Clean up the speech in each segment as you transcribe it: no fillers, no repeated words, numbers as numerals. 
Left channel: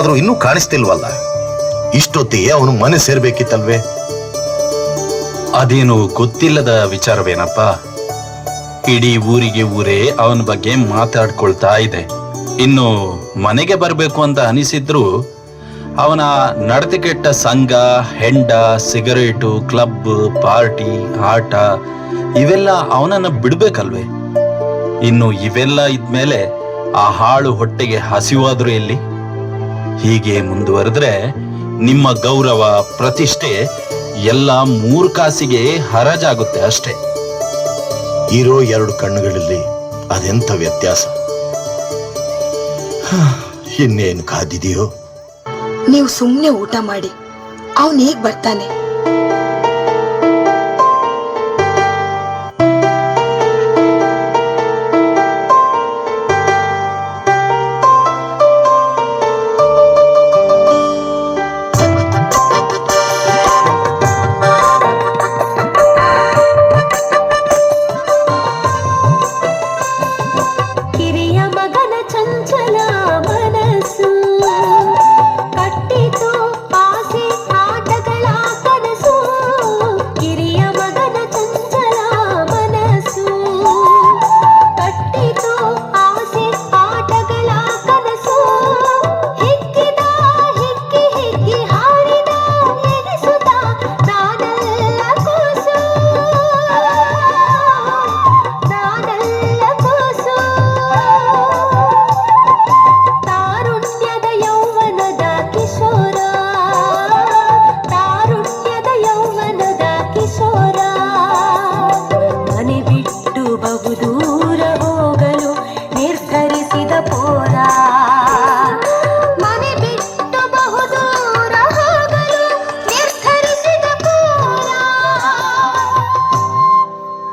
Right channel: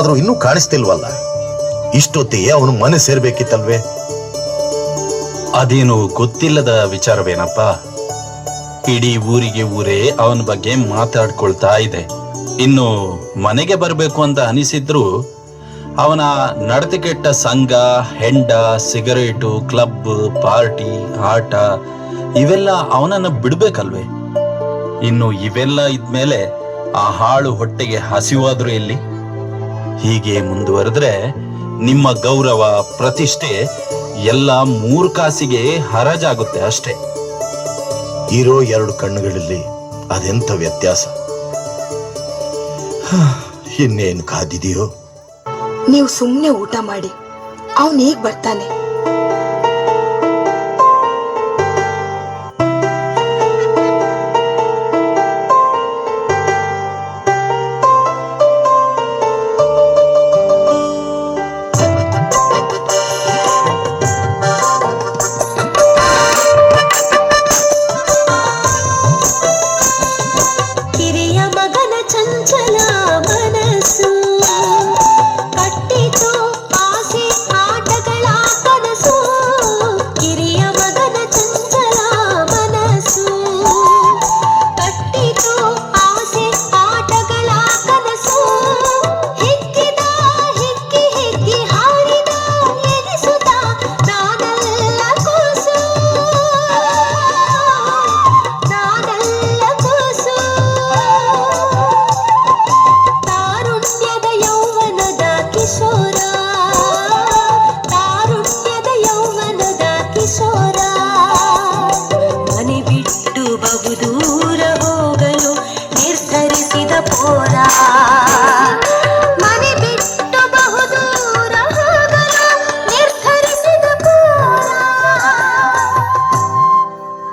ಆದ್ರೂ ಇನ್ನೂ ಕಾಣಿಸ್ತಿಲ್ವಲ್ಲ. ಇಷ್ಟೊತ್ತಿಗೆ ಅವನು ಮನೆ ಸೇರ್ಬೇಕಿತ್ತಲ್ವೇ? ಅದೇನು ಗೊತ್ತಿಲ್ಲದ ವಿಚಾರವೇನಪ್ಪ. ಇಡೀ ಊರಿಗೆ ಊರೇ ಅವನ ಬಗ್ಗೆ ಮಾತಾಡ್ಕೊಳ್ತಾ ಇದೆ. ಇನ್ನು ಮನೆಗೆ ಬರಬೇಕು ಅಂತ ಅನಿಸಿದ್ರು ಅವನ ನಡತೆ ಕೆಟ್ಟ ಸಂಘ, ಹೆಂಡ, ಸಿಗರೇಟು, ಕ್ಲಬ್, ಪಾರ್ಟಿ, ಆಟ ಇವೆಲ್ಲ ಅವನನ್ನ ಬಿಡ್ಬೇಕಲ್ವೇ? ಇನ್ನು ಇವೆಲ್ಲ ಇದ್ಮೇಲೆ ಆ ಹಾಳು ಹೊಟ್ಟೆಗೆ ಹಸಿವಾದ್ರೂ ಎಲ್ಲಿ? ಹೀಗೆ ಮುಂದುವರೆದ್ರೆ ನಿಮ್ಮ ಗೌರವ, ಪ್ರತಿಷ್ಠೆ ಎಲ್ಲ 3 ಕಾಸಿಗೆ ಹರಾಜಾಗುತ್ತೆ ಅಷ್ಟೇ. ಇರೋ 2 ಕಣ್ಣುಗಳಲ್ಲಿ ಅದೆಂಥ ವ್ಯತ್ಯಾಸ. ಇನ್ನೇನು ಕಾದಿದೆಯೋ? ನೀವು ಸುಮ್ಮನೆ ಊಟ ಮಾಡಿ, ಅವನು ಹೇಗ್ ಬರ್ತಾನೆ?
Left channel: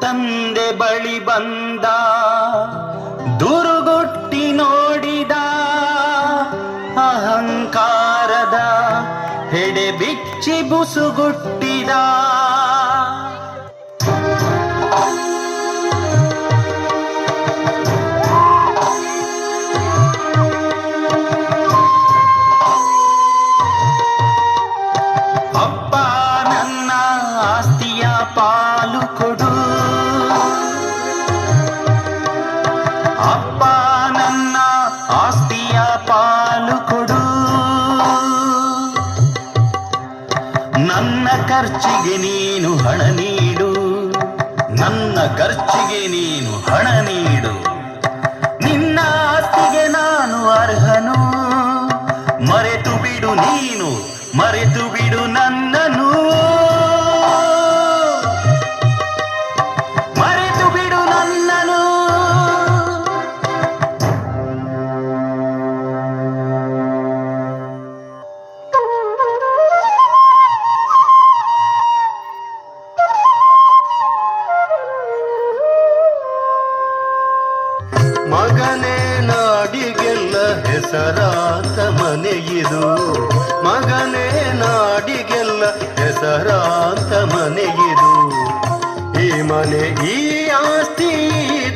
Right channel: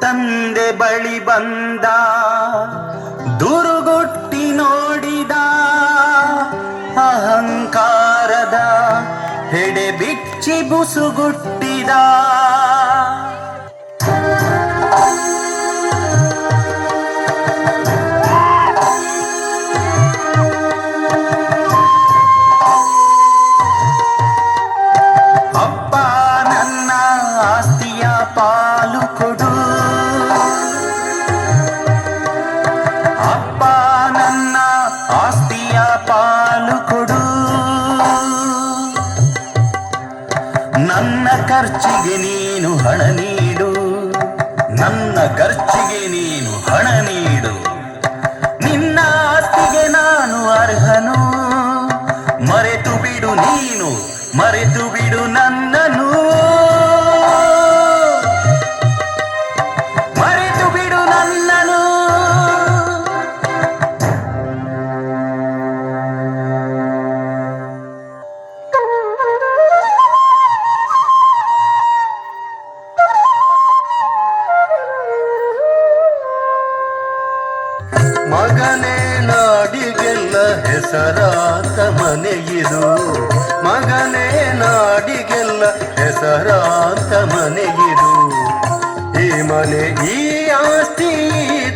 ತಂದೆ ಬಳಿ ಬಂದ, ದುರುಗುಟ್ಟಿ ನೋಡಿದ, ಅಹಂಕಾರದ ಹೆಡೆ ಬಿಚ್ಚಿ ಬುಸುಗುಟ್ಟಿದ. ಅಪ್ಪ ನನ್ನ ಆಸ್ತಿಯ ಪಾಲು ಕೊಡು, ಅಪ್ಪ ನನ್ನ ಆಸ್ತಿಯ ಪಾಲು ಕೊಡು, ನನ್ನ ಖರ್ಚಿಗೆ ನೀನು ಹಣ ನೀಡು, ನನ್ನ ಖರ್ಚಿಗೆ ನೀನು ಹಣ ನೀಡು, ನಿನ್ನ ಆಸ್ತಿಗೆ ನಾನು ಅರ್ಹನು, ಮರೆತು ಬಿಡು ನೀನು, ಮರೆತು ಬಿಡು ನನ್ನನು, ಮರೆತು ಬಿಡು ನನ್ನನು. ಮಗನೇ ನಾಡಿಗೆಲ್ಲ ಹೆಸರಾಂತ ಮನೆಯಿದು, ಮಗನೇ ನಾಡಿಗೆಲ್ಲ ಹೆಸರಾಂತ ಮನೆಯಿದು, ಈ ಮನೆ ಈ ಆಸ್ತಿ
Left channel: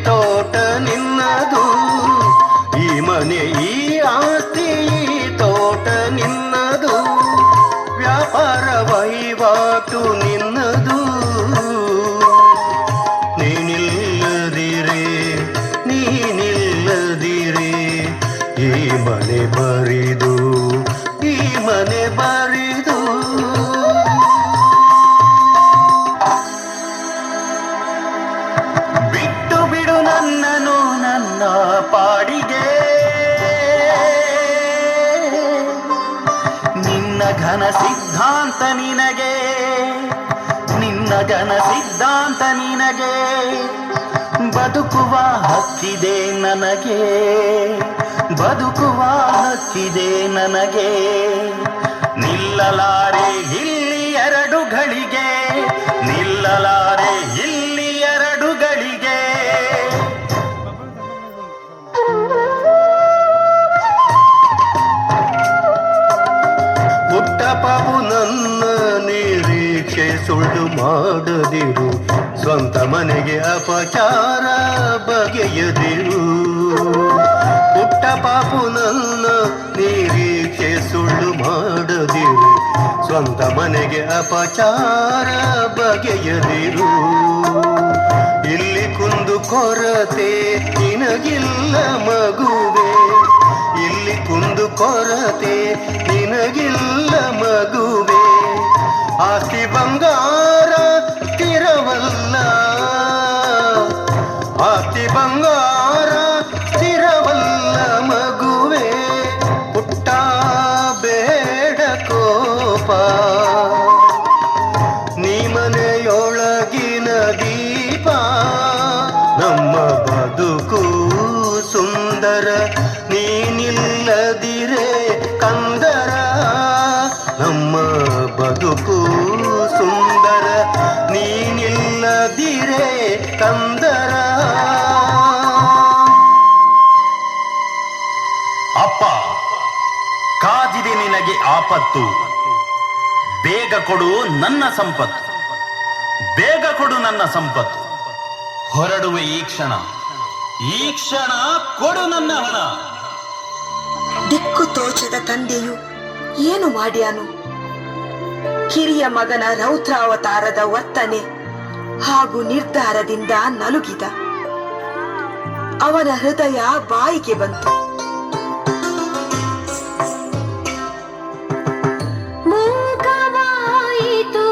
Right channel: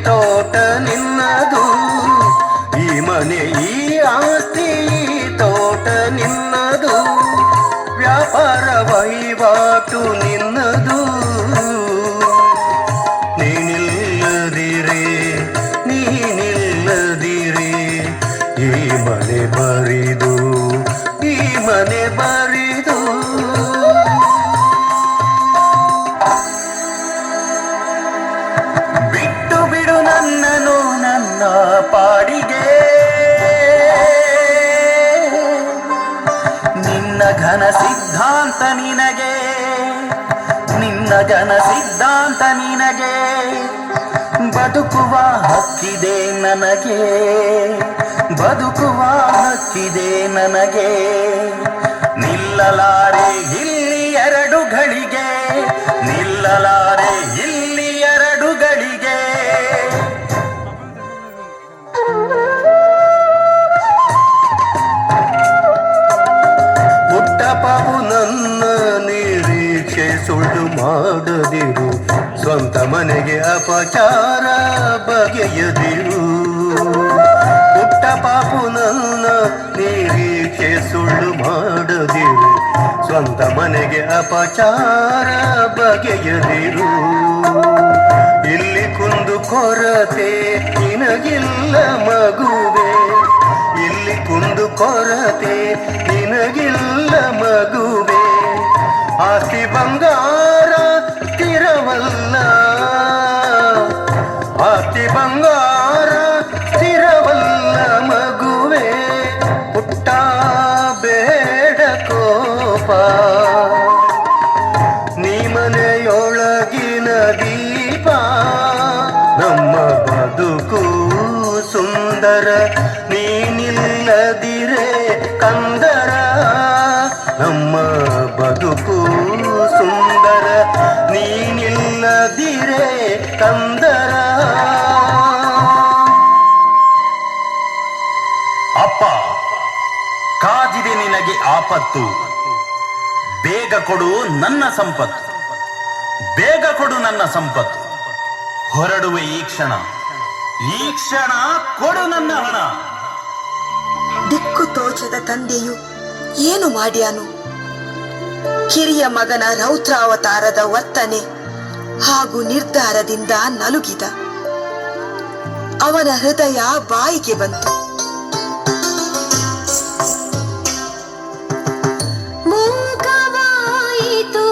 ತೋಟ ನಿನ್ನದು, ಈ ಮನೆ ಈ ಆಸ್ತಿ ತೋಟ ನಿನ್ನದು, ವ್ಯಾಪಾರ ವಹಿವಾಟು ನಿನ್ನದು, ನೀನಿಲ್ಲದಿರೆ ನೀನಿಲ್ಲದಿರೆ ಈ ಮನೆ ಬರಿದು, ಈ ಮನೆ ಬರಿದು. ಬಿಟ್ಟು ಬಿಡು ನನ್ನನು ನನ್ನ ಪಾಡಿಗೆ, ನಿನ್ನ ಘನ ಸಿದ್ಧಾಂತ ನಿನಗೆ, ನಿನ್ನ ಘನ ಸಿದ್ಧಾಂತ ನಿನಗೆ, ಬದುಕುವ ಹಕ್ಕಿದೆ ನನಗೆ, ಬದುಕುವ ಹಕ್ಕಿದೆ ನನಗೆ, ನಿಲ್ಲಲಾರೆ ಇಲ್ಲಿ 2 ಗಳಿಗೆ, ನಿಲ್ಲಲಾರೆ ಇಲ್ಲಿ 2 ಗಳಿಗೆ. ಪುಟ್ಟಪಾಪು ನನ್ನ ನಿರೀಕ್ಷೆ ಸುಳ್ಳು ಮಾಡದಿರು, ಸ್ವಂತ ಮನೆಗೆ ಅಪಚಾರ ಬಗೆಯದಿರು. ಪುಟ್ಟಪಾಪು ನನ್ನ ನಿರೀಕ್ಷೆ ಸುಳ್ಳು ಮಾಡದಿರು, ಸ್ವಂತ ಮನೆಗೆ ಅಪಚಾರ ಬಗೆಯದಿರು. ಇಲ್ಲಿ ಕುಂದು ಕೊರತೆ ನಿನಗಿಲ್ಲ ಮಗುವೆ, ಇಲ್ಲಿ ಕುಂದು ಕೊರತೆ ನಿನಗಿಲ್ಲ ಮಗುವೆ. ಆಸ್ತಿ ಬಂಗಾರ ಸ್ಥಿರವಲ್ಲ, ಆಸ್ತಿ ಬಂಗಾರ ಸ್ಥಿರವಲ್ಲ ಮಗುವೆ. ಪುಟ್ಟ ಬೇಡ ಕೋಪ, ನೀ ಮನೆಯೊಳಗಿನ ದೀಪ. ನಮ್ಮ ಬದುಕು ಸುಂದರ ನೀನಿಲ್ಲದಿರೆ ಕಂದರ, ನಮ್ಮ ಬದುಕು ಸುಂದರ ನೀನಿಲ್ಲದಿರೆ ಕಂದರ. ಅಪ್ಪ, ಕಾದಿದೆ ನಿನಗೆ ಆಪತ್ತು, ಬೇಗ ಕೊಡು ನನ್ನ ಸಂಪತ್ತು, ಬೇಗ ಕೊಡು ನನ್ನ ಸಂಪತ್ತು. ಹೊರಡುವೆ ಈ ಕ್ಷಣ, ಈ ಕ್ಷಣ ಕೊಡು ನನ್ನ ಹಣ. ದಿಕ್ಕು ತೋಚದ ತಂದೆಯು ಏನು ಮಾಡ್ಯಾನು? ಕಿರಿಯ ಮಗನ ರೌದ್ರಾವತಾರದ ವರ್ತನೆ ಹಾಗೂ ನಿರ್ಧಾರದಿಂದ ನಲುಗಿದ. ಅವನ ಹೃದಯ ಬಾಯಿಗೆ ಬಂತು. ಮೂಕವಾಯಿತು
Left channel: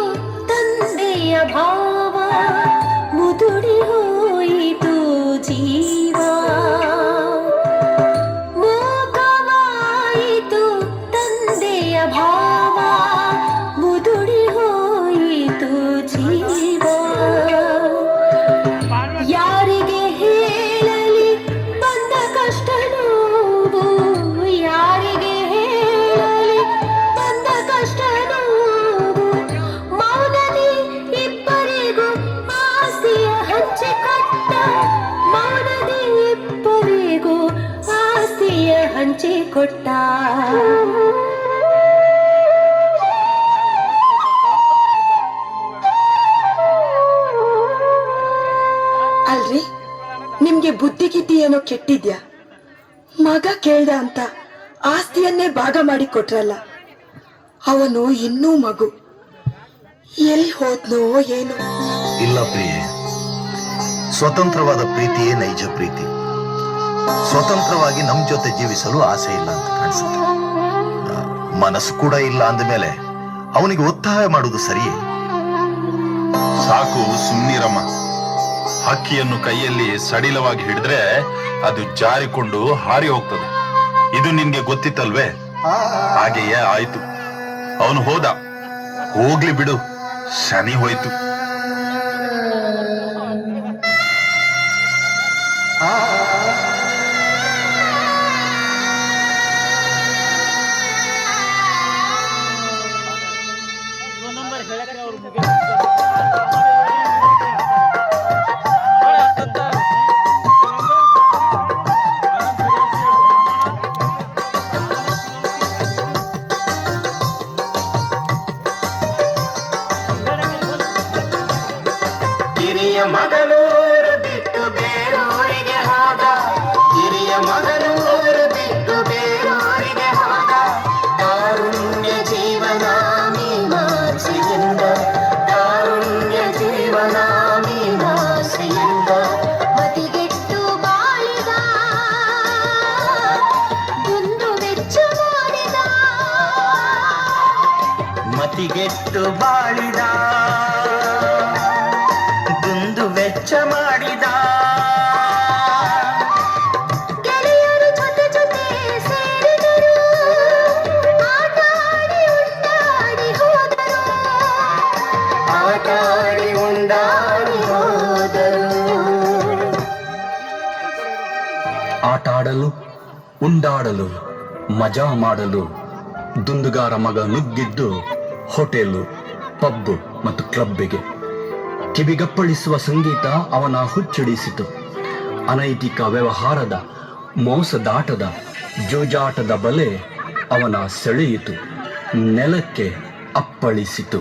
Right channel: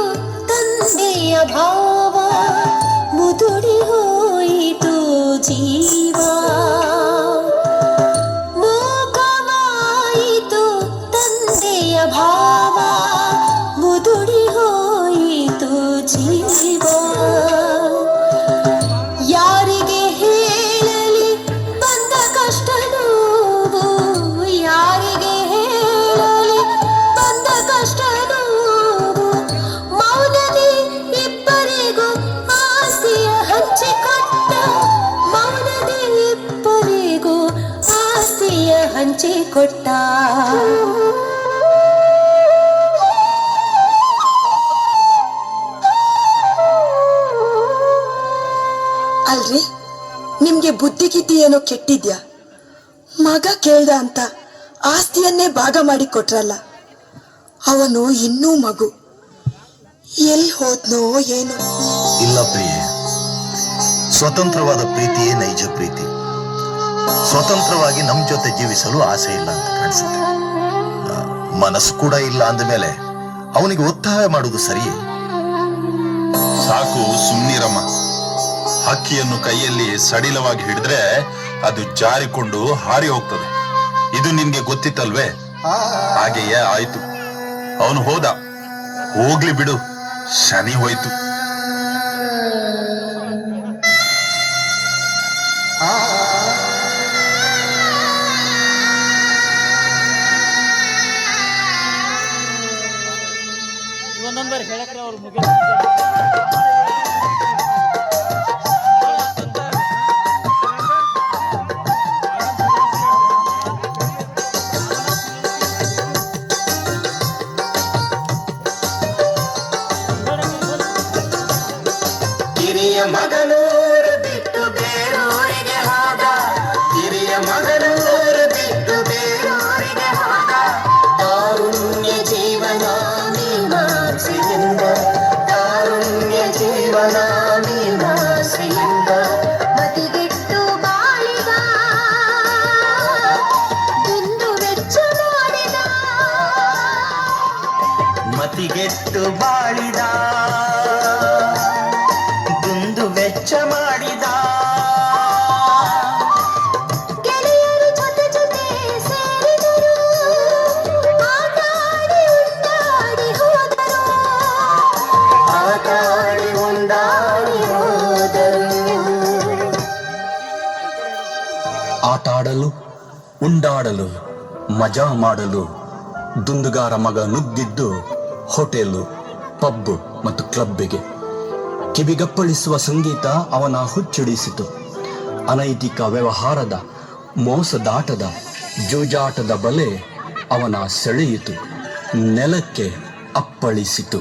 ತಂದೆಯ ಭಾವ, ಮುದುಡಿ ಹೋಯಿತು ಜೀವ. ಮೂಕವಾಯಿತು ತಂದೆಯ ಭಾವ, ಮುದುಡಿ ಹೋಯಿತು ಜೀವ. ಯಾರಿಗೆ ಹೇಳಲಿ ಬಂದ ಕಷ್ಟ ನೋವು, ಯಾರಿಗೆ ಹೇಳಲಿ ಬಂದ ಕಷ್ಟ ನೋವು. ಮೌನದಿ ಇಬ್ಬರಿಗೂ ಆಸ್ತಿಯ ಹಂಚಿಕೊಟ್ಟ, ಮೌನದಿ ಇಬ್ಬರಿಗೂ ಆಸ್ತಿಯ ಹಂಚಿಕೊಟ್ಟ. ಅಲ್ರಿ, ನಿಮ್ಗೆ ಬುದ್ಧಿಗಿದ್ದಿ ಏನೋ ಕೆಟ್ಟಿದ್ಯಾ? ಮಗ ಕೇಳ್ದ ಅಂತ ಆಸ್ತಿಯನ್ನೇ ಭಾಗ ಮಾಡಿ ಕೊಟ್ರಲ್ಲ. ಅವನು ಇನ್ನೂ ಮಗು, ಎಲ್ಲಿ ಹೋದ್ನೋ ಏನು? ಇಲ್ಲ ಪ್ರಿಯೆ, ಸ್ವತಂತ್ರವಾದ ಪ್ರೀತಿಯೇ ನೈಜ ಪ್ರೀತಿ. ಸ್ವತಂತ್ರವಾಗಿ ನಮ್ ಜೊತೆ ಜೀವಿಸಲು ಆಸೆ ಇಲ್ಲ ಅಂತ ಕಾಣಿಸುತ್ತೆ. ಮನಸ್ಸು ಕೂಡ ಇಲ್ಲ ಅಂದಮೇಲೆ ಅವನಿಗೆ ಒತ್ತಾಯ ಮಾಡುವುದು ಸರಿಯೇ? ಸಾಕು, ಸುಮ್ನಿರಮ್ಮ. ಹಕ್ಕಿಯನ್ನು ಕೈಯಲ್ಲಿ ಸಡಿಲವಾಗಿ ಹಿಡಿದ್ರೆ ಅದು ಜಾರಿಕೊಂಡು ಹಾರಿ ಹೋಗ್ತದೆ. ಇದು ನಿನ್ಗೆ ಗೊತ್ತಿತ್ತಲ್ವೇ? ಹಾಗೆಯೇ ಆಯ್ತು. ಅವನು ಹೋದ, ಹೋಗ್ಲಿ ಬಿಡು, ಶನಿ ಹೋಯ್ತು. ಹಿರಿಯ ಮಗನೂರು ಬಿಟ್ಟು ಬೇರೋರಿಗೆ ಹೋದ, ಹಿರಿಯ ಮಗನೂರು ಬಿಟ್ಟು ಬೇರೋರಿಗೆ ಹೋದ. ಕಾರುಣ್ಯ ಜೀವನ ಮೀಮಾಂಸೆಯಿಂದ, ಕಾರುಣ್ಯ ಜೀವನ ಮೀಮಾಂಸೆಯಿಂದ. ಮತಿಗೆಟ್ಟು ಬಾಳಿದ, ದುಂದು ವೆಚ್ಚ ಮಾಡಿದ, ಮತಿಗೆಟ್ಟು ಬಾಳಿದ, ದುಂದು ವೆಚ್ಚ ಮಾಡಿದ. ಗೆಳೆಯರು ಜೊತೆ ಜೊತೆ ಸೇರಿದರು, ಆಟಾಡಿ ಉಂಡಾಡಿ ಹೋದರು, ಆಟಾಡಿ ಉಂಡಾಡಿ ಹೋದರು. ಆಟಾಡಲು, ಉಂಡಾಡಲು, ಮಜಾ ಮಾಡಲು ದುಂದುಗಾರ ಮಗ ನುಗ್ಗಿದ್ದು ಹೋಟೆಲು, ಪಬ್ ಮತ್ತು ಕ್ಲಬ್ಬಿಗೆ. ಕಿವಿಗಪ್ಪಳಿಸುವ ಸಂಗೀತ ಅವನ ಹುಚ್ಚಿಡಿಸಿತು. ಅನೈತಿಕ ವ್ಯವಹಾರದ, ಮೋಸದಾಟದ, ಜೂಜಾಟದ ಬಲೆ ಅವನ ಸೆಳೆಯಿತು, ನೆಲಕ್ಕೆ ಅಪ್ಪಳಿಸಿತು.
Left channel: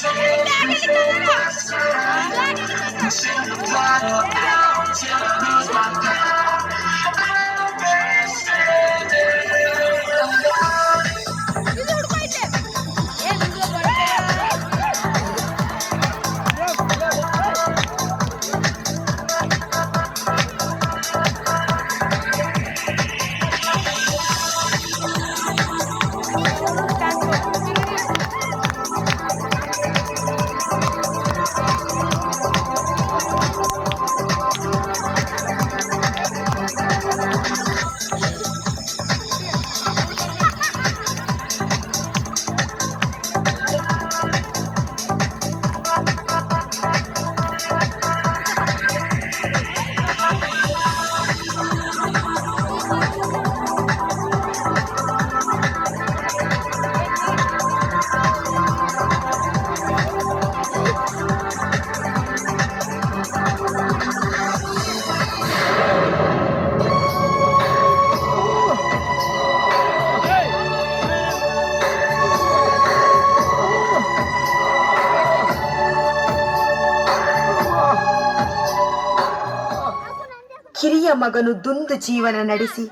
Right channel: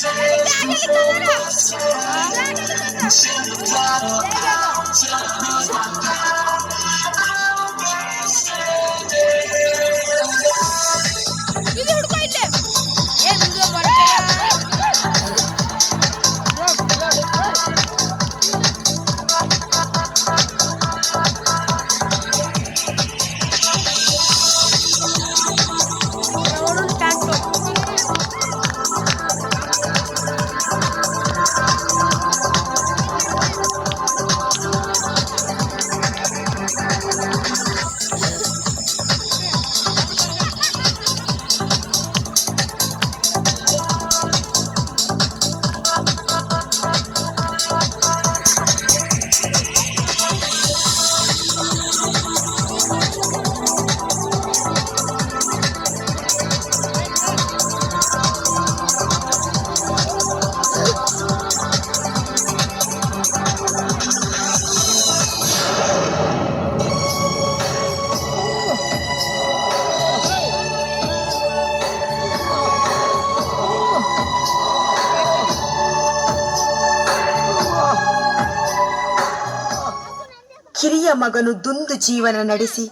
Say ಕಿರಿಯ ಮಗನು ದುಂದು ಜೀವನ ನಡೆಸಿ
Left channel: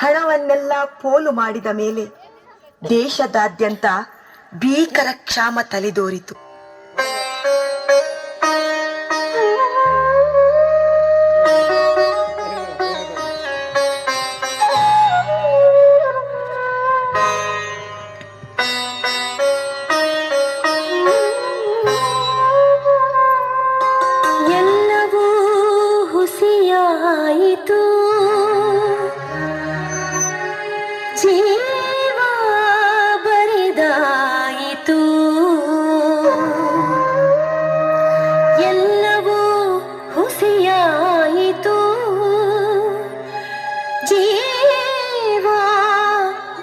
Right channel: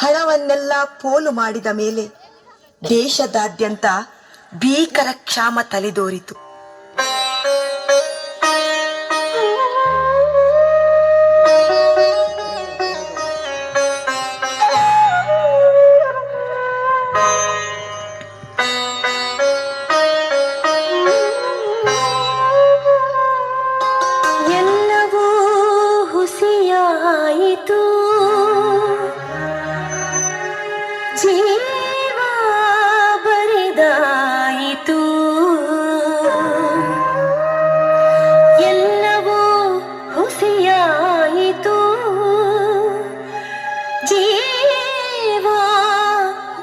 ಹಣವನ್ನೆಲ್ಲ ಪೋಲು ಮಾಡಿದ ಮೇಲೆ ದೇಶದಾದ್ಯಂತ ಭೀಕರ ಕ್ಷಾಮ ತಲೆದೋರಿತು. ಎಲ್ಲವೂ ಹುಸಿಯಾಯಿತು, ಜೀವ ಬರಿದಾಯಿತು. ಎಲ್ಲವೂ ಹುಸಿಯಾಯಿತು, ಜೀವ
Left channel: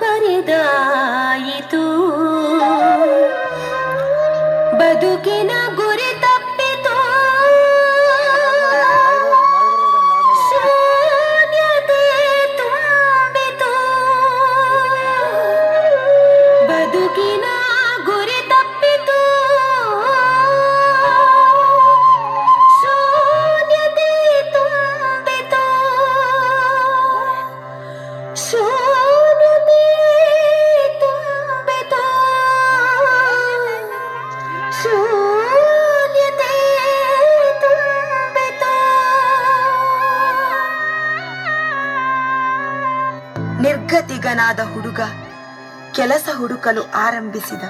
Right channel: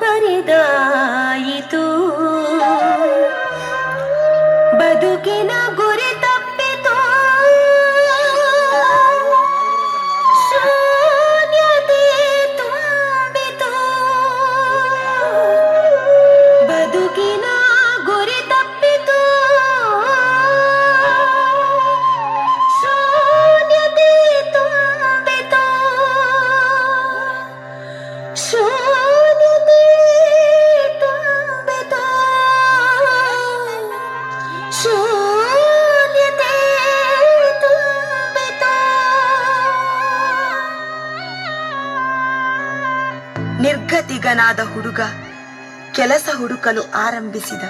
ಬರಿದಾಯಿತು. ಬದುಕಿನ ಗುರಿ ತಪ್ಪಿತು, ಶೂನ್ಯತೆ ತುಂಬಿತು. ಬದುಕಿನ ಗುರಿ ತಪ್ಪಿತು, ಶೂನ್ಯತೆ ತುಂಬಿತು. ಶೂನ್ಯತೆ ತುಂಬಿತು, ಶೂನ್ಯತೆ ತುಂಬಿತು. ನಿರ್ಗತಿಗನಾದ ಹುಡುಗ ಕೆಲಸ ಹುಡುಕಲು ಆರಂಭಿಸಿದ.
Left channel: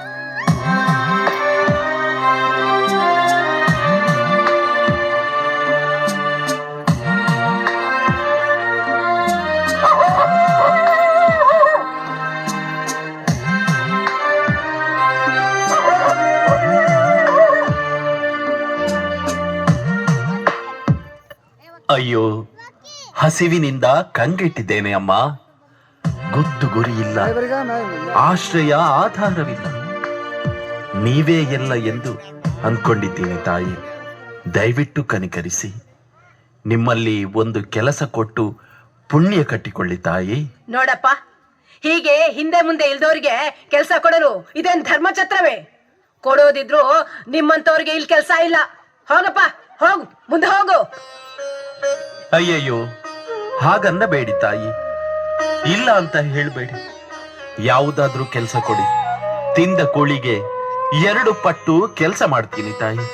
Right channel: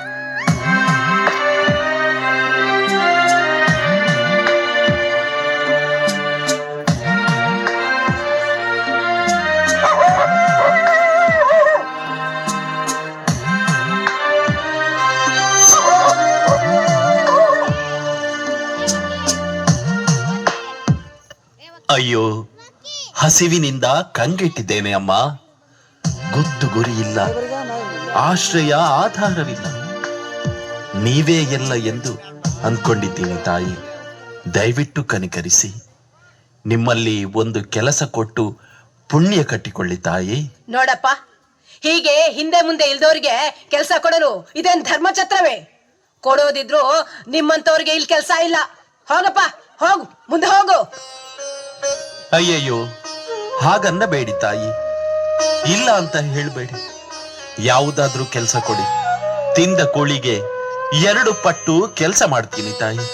ಅಯ್ಯೋ, ಹಸಿವಿನಿಂದ ಕಂಗೆಟ್ಟಿದ್ದೇನೆ ಅಮ್ಮ. ಗೊತ್ತು ಗುರಿ ಇಲ್ಲ, ಆಶ್ರಯ ಆಧಾರವಿಲ್ಲ. ನೀವೇ ಎಲ್ಲ ಎಂದು ಅಂದ್ಕೊಂಡಿದ್ದೀನಿ ತಾಯಿ. ದಯವಿಟ್ಟು ಕನಿಕರಿಸಿ ನಿಮ್ಮಲ್ಲಿ ಒಂದು ಕೆಲಸ ಕೊಟ್ಟು ಪುಣ್ಯ ಕಟ್ಟಿಕೊಳ್ಳಿ ತಾಯಿ. ನೋಡಪ್ಪ, ಹೀಗೆ ಹಿಂದೆ ಮುಂದೆ ಇಲ್ದವ್ರಿಗೆ ಕೆಲಸ ಕೊಡಲು ಇದೇನ್ ಧರ್ಮಛತ್ರವೇ? ಕೊಡೋದಿದ್ರು ನಿಮ್ಮಂತವ್ರಿಗೆ ಇಲ್ಲಿ ಕೆಲಸ ಇಲ್ಲ. ಹೋಗಪ್ಪ, ಹೋಗು, ಮುಂದೆ ಹೋಗು. ಅಯ್ಯಯ್ಯೋ, ಹಾಗನ್ನಬೇಡಿ ತಾಯಿ. ಇಲ್ಲ ಅಂತ ಹೇಳ್ಬೇಡಿ. ಯಾವುದಾದ್ರೂ ಕೆಲಸ ಕೊಡಿ. ತಿಂದ ಕೋಳಿಗೆ 2 ಪಟ್ಟು ಕೆಲಸ ಮಾಡ್ತೀನಿ ತಾಯಿ.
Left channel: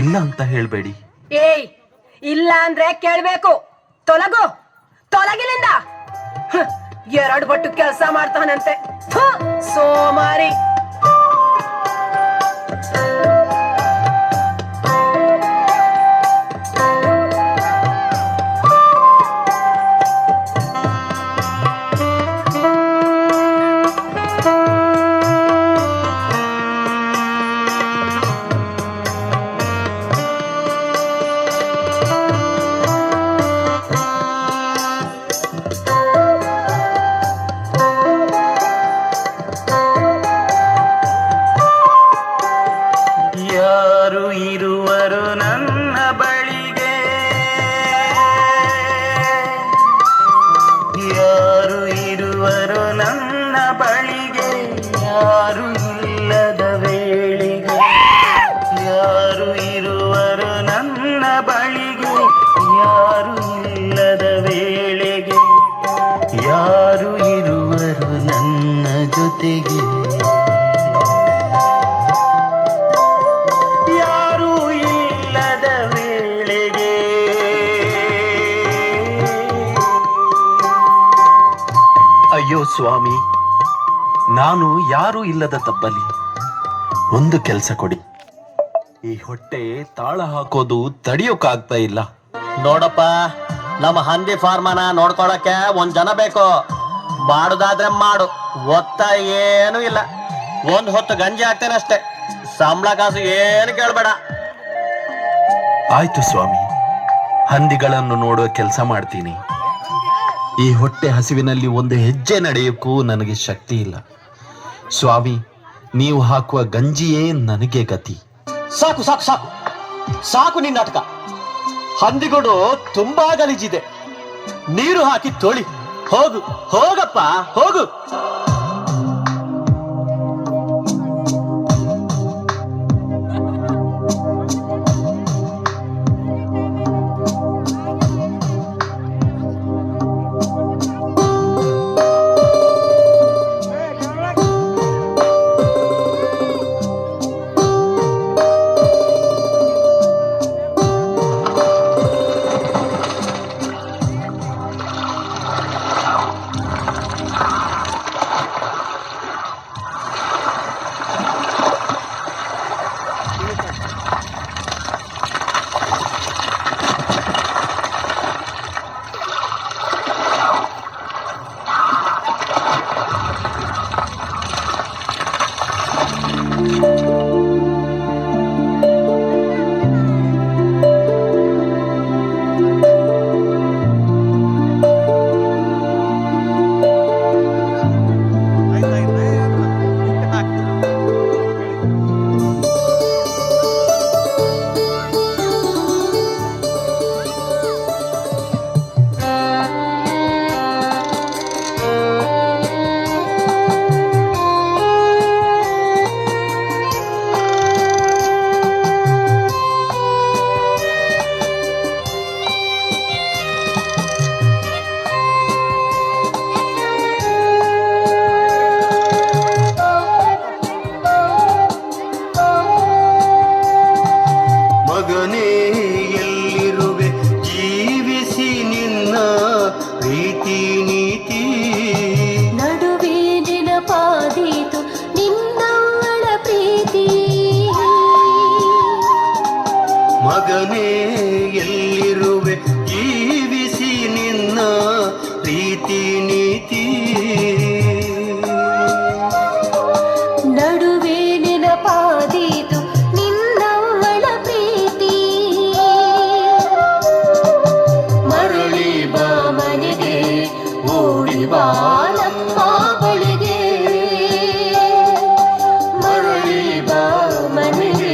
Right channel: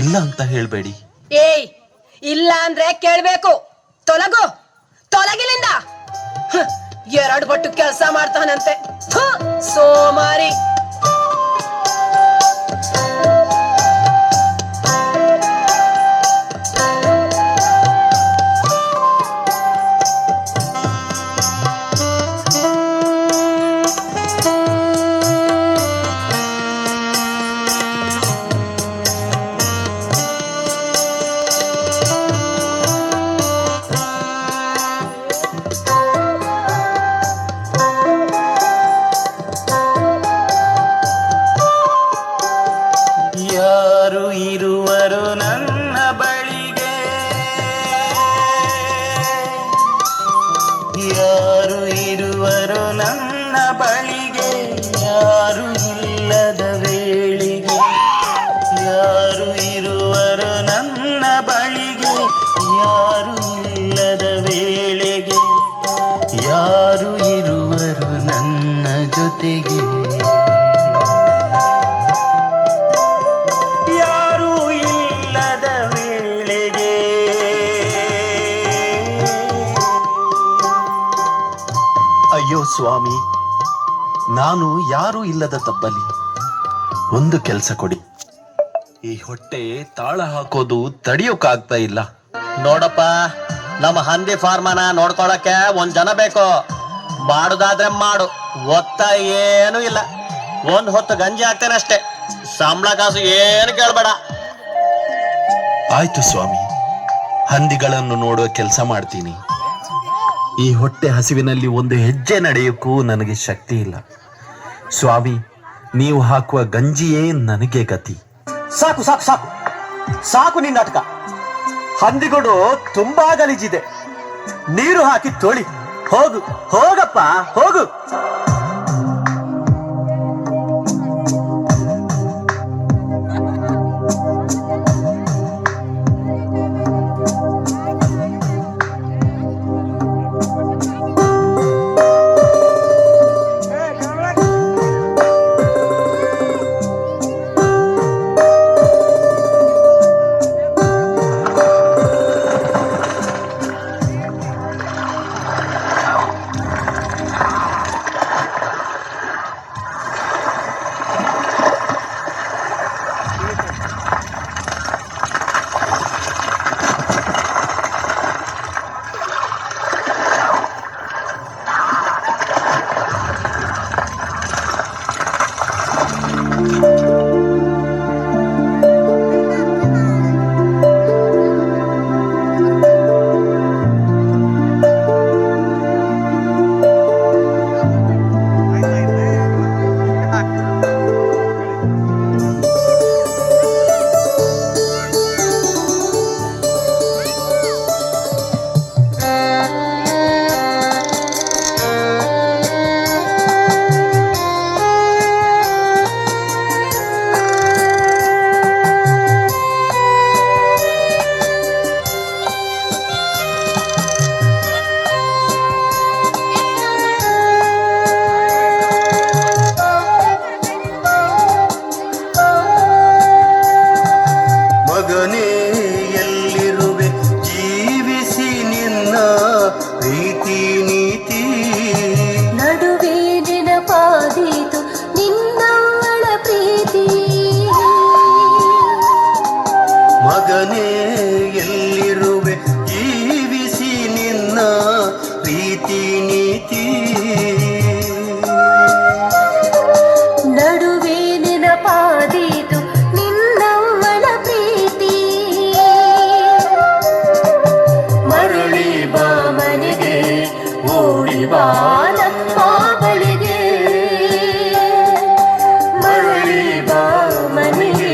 ಇಲ್ಲ ಅಂತ ಹೇಳ್ಬೇಡಿ. ಏಯ್, ಇಲ್ಲ ಅಂದ್ರೆ ಕೇಳ್ಬೇಕು. ತೊಲಗು, ತೊಲಗಿಲಿಂದ. 2 ಪಟ್ಟು ಕೆಲಸ ಮಾಡ್ತಾನಂತೆ. ಥು, ಸೋಮಾರಿ. ಯಾರು ಇರುವರು ನನ್ನ ಬಳಿಗೆ, ಯಾರು ಇರುವರು ನನ್ನ ಬಳಿಗೆ, ಯಾರು ಇಲ್ಲದ ವೇಳೆಗೆ. ಯಾರು ಇರುವರು ನನ್ನ ಬಳಿಗೆ ಯಾರು ಇಲ್ಲದ ವೇಳೆಗೆ ಯಾರು ಇರುವರು ನನ್ನ ಜೊತೆಗೆ ಯಾರು ಇಲ್ಲದ ವೇಳೆಗೆ ಅಯ್ಯೋ ಸ್ವಾಮಿ, ನಾನು ಯಾರೂ ಇಲ್ಲದ ತಬ್ಬಲಿ. ಒಂದು ಕೆಲಸ ಕೊಡಿ. ಈ ಹೊಟ್ಟೆ ತಾಳ ಹಾಕೋದು ತಡಿಯೋಕಾಗ್ತಾ ಇಲ್ಲ. ನೋಡಪ್ಪ, ನಮ್ಮ ಹಂದಿ ಫಾರ್ಮನ ನೋಡ್ಕೊಳಕ್ಕೆ ಒಂದ್ ಜನ ಬೇಕು. ಮಾಡುದಾದ್ರೆ ಮಾಡು, ಒತ್ತ ಏನು ಇಲ್ಲ. ಒಂದ್ ಹೊತ್ತು ಗಂಜಿ ಹಾಕ್ತೇನೆ ಅಷ್ಟೇ, ಸಂಬಳ ಕಾಸು ಏನು ಕೇಳ್ಬೇಡ. ಆಯ್ತು ಸ್ವಾಮಿ, ಹಂದಿಗಳನ್ನು ನೋಡುವ ಕೆಲಸ ಮಾಡ್ತೀನಿ. ಈ ಹೊಟ್ಟೆ ಹಸಿವಿನಲ್ಲಿ ಒಂದು ಹೆಜ್ಜೆ ನಡೆಯೋಕ್ಕೂ ನನಗೆ ಶಕ್ತಿ ಇಲ್ಲ. ಸ್ವಾಮಿ, ನೀವು ಹಾಕುವ ಗಂಜಿಯೇ ನನಗೆ ಗತಿ. ಸಾಕು ಸಾಕು ಸಾಕು ಸಾಕು ನಿನ್ನ ನಾಟಕ. ಹಂದಿಗಳು ತುಂಬಾ ಗಲೀಜಿದೆ, ನೀರು ಹಾಕಿ ತೊಳಿ. ಹೋಗು ಹೋಗಪ್ಪ ಹೋಗು. ಮಗನೇ ಎಲ್ಲಿರುವೆ ಜೀವಿಸಿ ನಿನ್ನ ಪ್ರೀತಿ ನೀತಿ ನಡುವೆ ನೆನಪಾದೀತು ನಿನ್ನವಳ ಪ್ರೀತಿ ಮರಳಿ ಬಾ ಮನೆಗೆ ಓಡಿ ಬಾ ನಮ್ಮ ಬಳಿಗೆ ಮರಳಿ ಬಾ ಮನೆಗೆ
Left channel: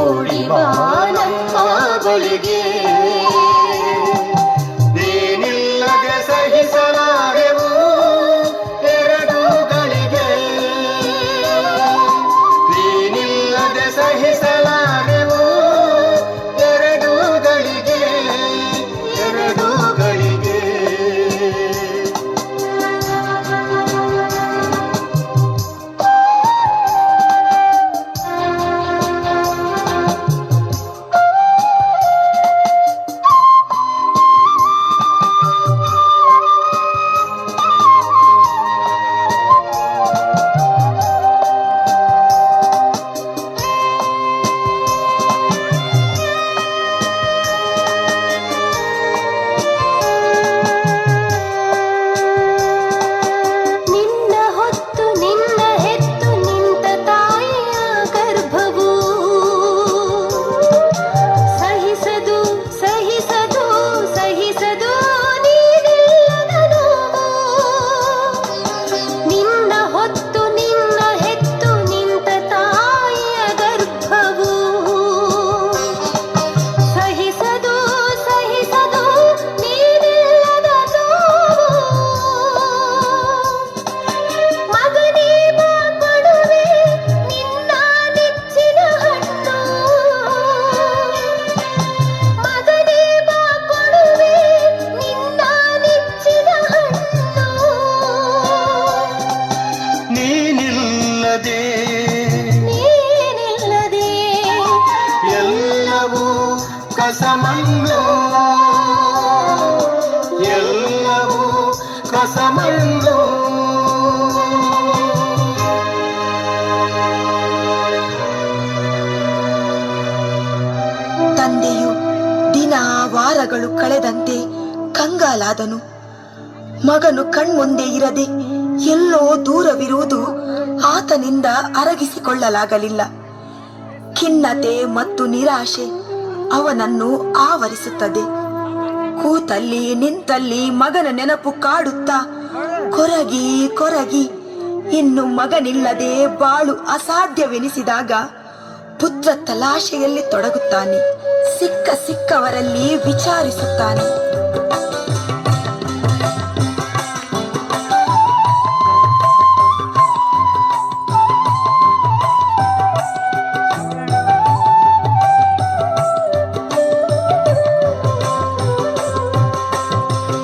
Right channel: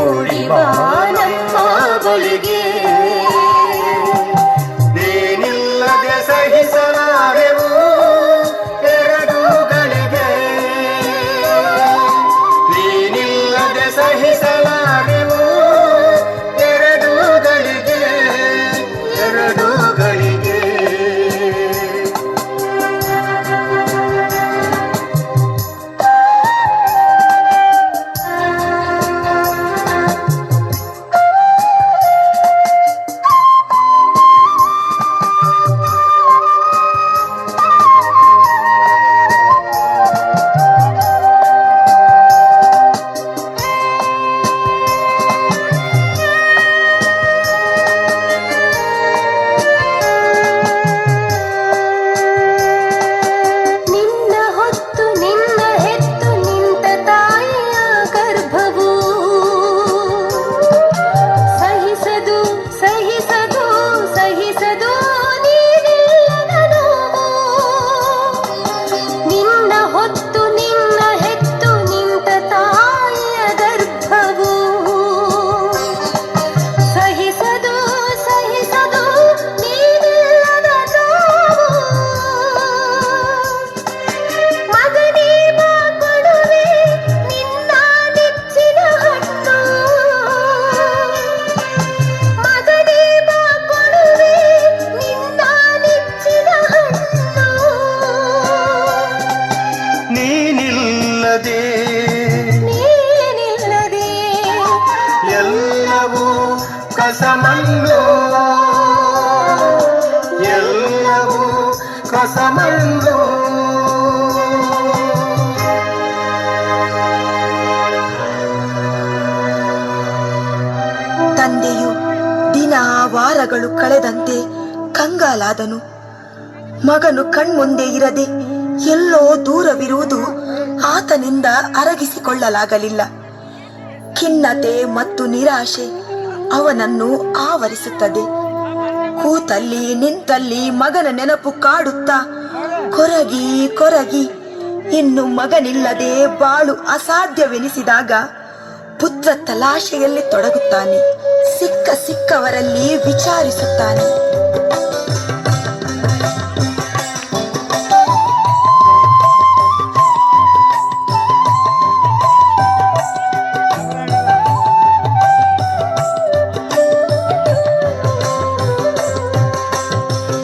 ಓಡಿ ಬಾ ನಮ್ಮ ಬಳಿಗೆ ತಂದೆಯು ದಿನ ವಾರಗಳು ಕಳೆದಂತೆ ಕಂಗಾಲಾದನು. ಮಗನು ಕಣ್ಮುಂದೆ ಇರದೆ ಎಲ್ಲೋ ದೂರವಿರುವುದು ಆತನಿಂದ ಅರಗಿಸಿಕೊಳ್ಳಲಾಗಲಿಲ್ಲ. ಖಿನ್ನತೆ ಮತ್ತು ನಿರಾಶೆ ಅವನನ್ನು ಆವರಿಸುತ್ತದೆ. ಕೂತಲ್ಲಿ ನಿಂತಲ್ಲಿ ಮಗನ ನೆನಪು ಕಾಡುತ್ತಾ ಕೊರಗಿ ಕೊರಗಿ ಇನ್ನು ಮಗನಿಲ್ಲದೆ ಬಾಳು ಅಸಾಧ್ಯವೆನಿಸಿದಾಗ ಪುತ್ರ ತಲಾಶೆಯಲ್ಲಿ ತೊಡಗುತ್ತಾನೆ. ಸಿಕ್ಕವರಲ್ಲಿ ವಿಚಾರಿಸುತ್ತಾನೆ.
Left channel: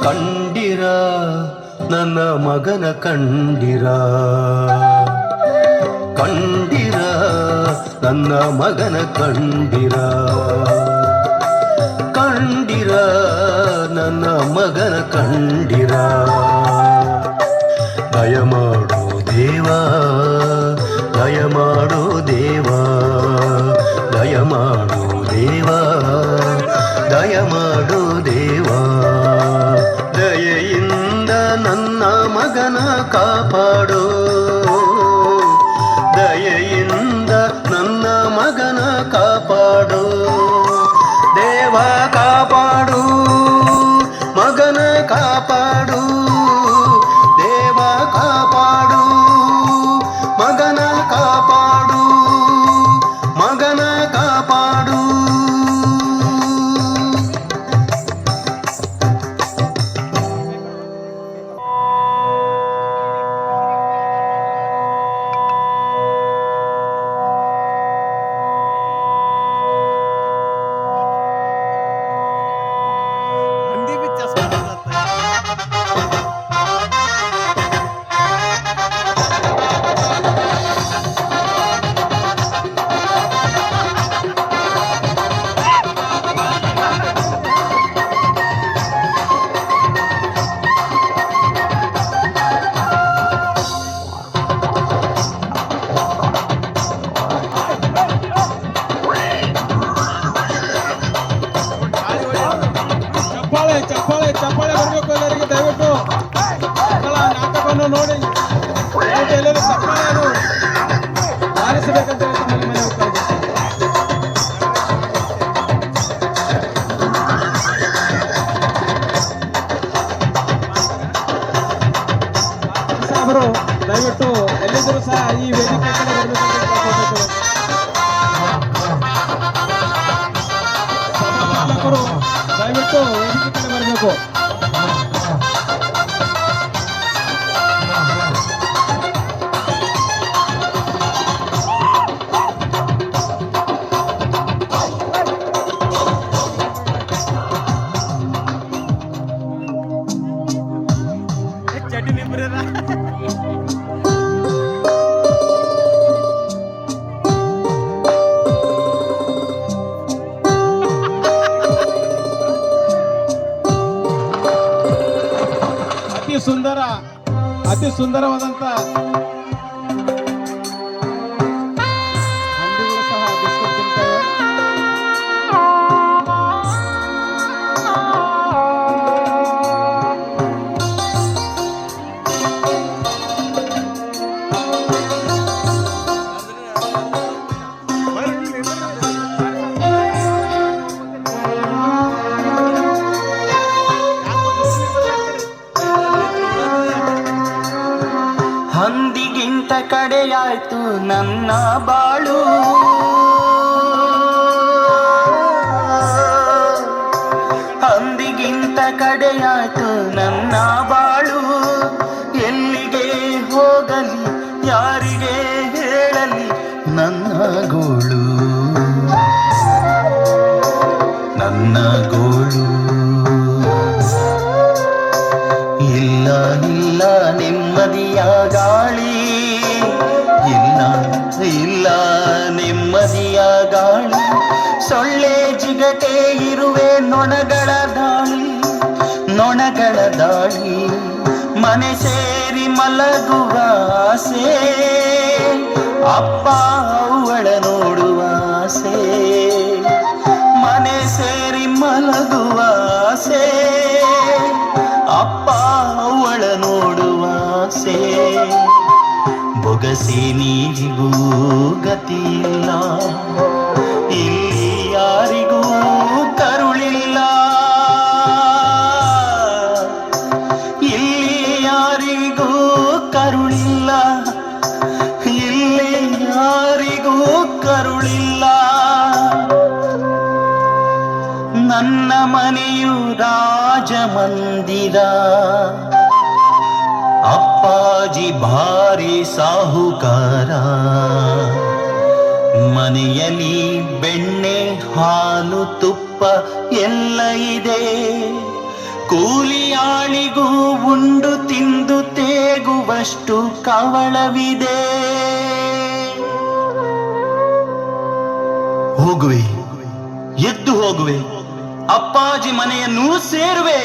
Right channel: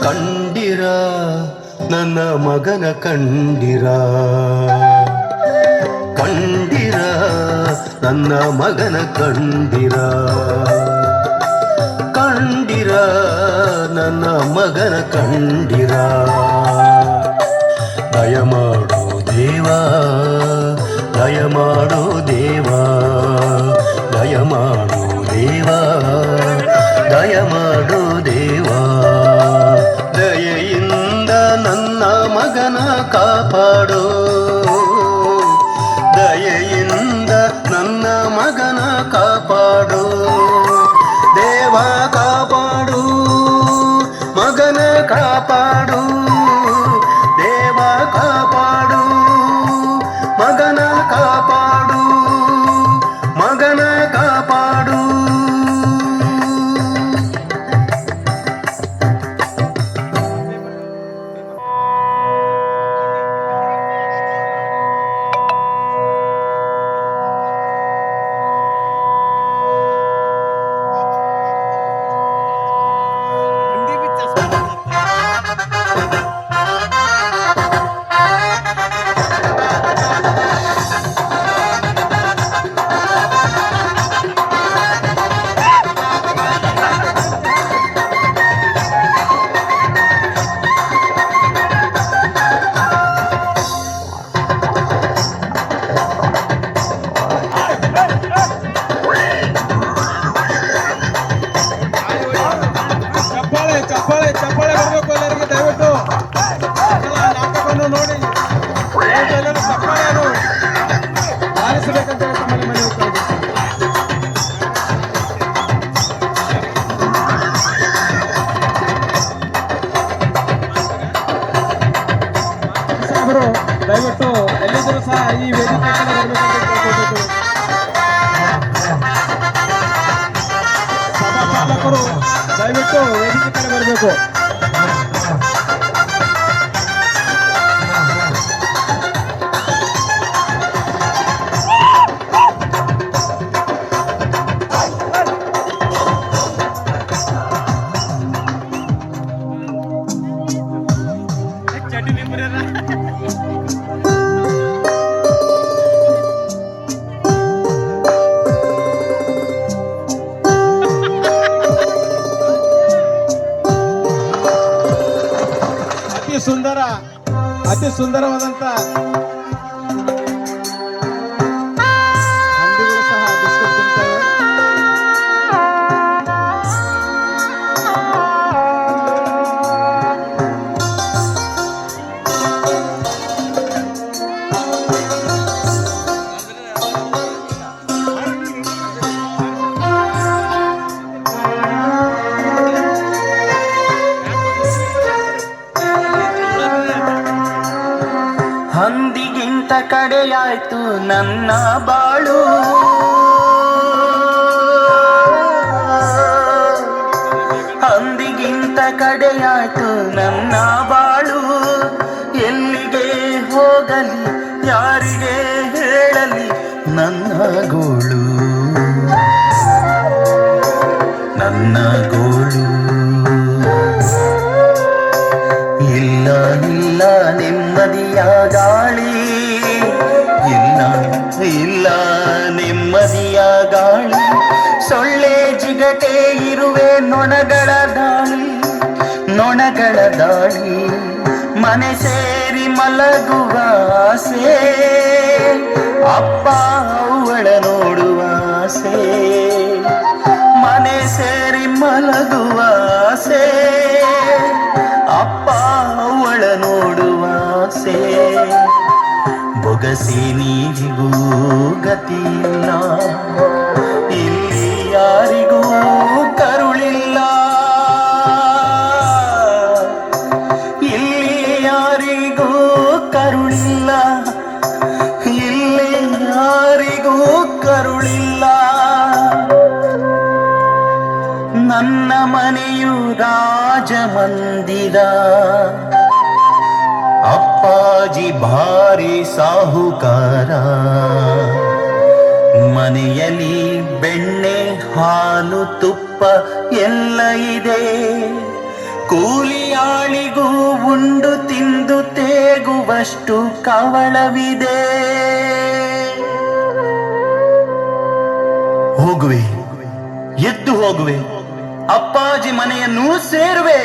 ಕಂಡಿರ ನನ್ನ ಮಗನ ಕಂಡಿರ, ಕಂಡಿರ ನನ್ನ ಮಗನ ಕಂಡಿರ, ಕಂಡಿರ ನನ್ನ ಮಗನ ಕಂಡಿರ. ದಯಮಾಡು ದೇವಾ, ದಯಮಾಡು ದೇವಾ, ದಯಮಾಡು ದೇವಾ, ದಯಮಾಡು ದೇವಾ. ದಯೆಯಿಂದ ನನ್ನ ಮಗನ ಕಾಪಾಡು, ದಯೆಯಿಂದ ನನ್ನ ಮಗನ ಕಾಪಾಡು. ದೇವಾ ಕಾಪಾಡು, ಮಗನ ಕಾಪಾಡು, ದೇವಾ ಕಾಪಾಡು, ಮಗನ ಕಾಪಾಡು, ಮಗನ ಕಾಪಾಡು. ಚಪ್ಪಾಳೆ ಚಪ್ಪಾಳೆ ಬರಬೇಕು ಎಲ್ಲರಿಗೆ. ದಯವಿಟ್ಟು ನಾಟಕವನ್ನು ನೋಡಿ ಎಲ್ಲರೂ ಚಪ್ಪಾಳೆಯನ್ನು ಆರಿಸಬೇಕಂತ ಸಾಹೇಬರು ದಯವಿಟ್ಟು ಎಲ್ಲಿದ್ದರೂ ಸಹ ಈ ವೇದಿಕೆ ಬರಬೇಕಂತ ಸಭಾಪಾಲಕರು ದಯವಿಟ್ಟು ವೇದಿಕೆ ಕಡೆ ಬರಬೇಕು. ಅತಿ ಸುಂದರವಾದಂತ ಹಂದಿಗಳು ಸಹ ಬಿಸ್ಕೆಟ್ ತಿಂತವೆ. ಹಂದಿಗಿಂತ ಕಡೆಯಾಯ್ತು ನನ್ನ ಬಾಳು, ಹಂದಿಗಿಂತ ಕಡೆಯಾಯ್ತು ನನ್ನ ಬಾಳು. ಎಲ್ಲಿಗೆ ಹೋಗಲಿ ಯಾರಿಗೆ ಹೇಳಲಿ ನನ್ನ ಗೋಳು, ನನ್ನ ಗೋಳು. ಇಲ್ಲ ಇಲ್ಲ ನೆಮ್ಮದಿಯ ಗಾಳಿ, ಇಲ್ಲ ಇಲ್ಲ ನೆಮ್ಮದಿಯ ಗಾಳಿ. ಸೊಳ್ಳೆ ಜಿಗಟೆ ಇರುವೆ ನೊಣಗಳ ದಾಳಿ, ನೊಣಗಳ ದಾಳಿ. ಮನೆ ಸೇರಿ ಮಲಗುವ ಆಸೆ, ಅಪ್ಪ ಅವಳ ನೋಡುವ ಆಸೆ. ಮನೆ ಅಗಸಿ ನೀರಿಗೂ ಗತಿಯಿಲ್ಲ, ಇಲ್ಲಿ ಯಾರಿಗೂ ಕರುಳಿಲ್ಲ, ಇಲ್ಲಿ ಯಾರಿಗೂ ಕರುಳಿಲ್ಲ, ಇಲ್ಲಿ ಯಾರಿಗೂ ಕರುಳಿಲ್ಲ. ನನ್ನ ಮನೆಯು ರಾಜಮಂದಿರ, ಅಪ್ಪಾಜಿ ಭಾರಿ ಸಾಹುಕಾರ. ಮನೆಯಲ್ಲಿ ಬೆಣ್ಣೆ ಹಾಲು ತುಪ್ಪ ಎಲ್ಲ ಇದೆ, ಕೂಲಿಯಾಳಿಗೂ ಉಂಡು ತಿಂದು ತೇಗುವಷ್ಟು ಕವಳವಿದೆ. ಹೋಗುವೆ, ಎದ್ದು ಹೋಗುವೆ, ಅಪ್ಪಾಜಿ ಮನೆಯನ್ನು ಸೇರುವೆ.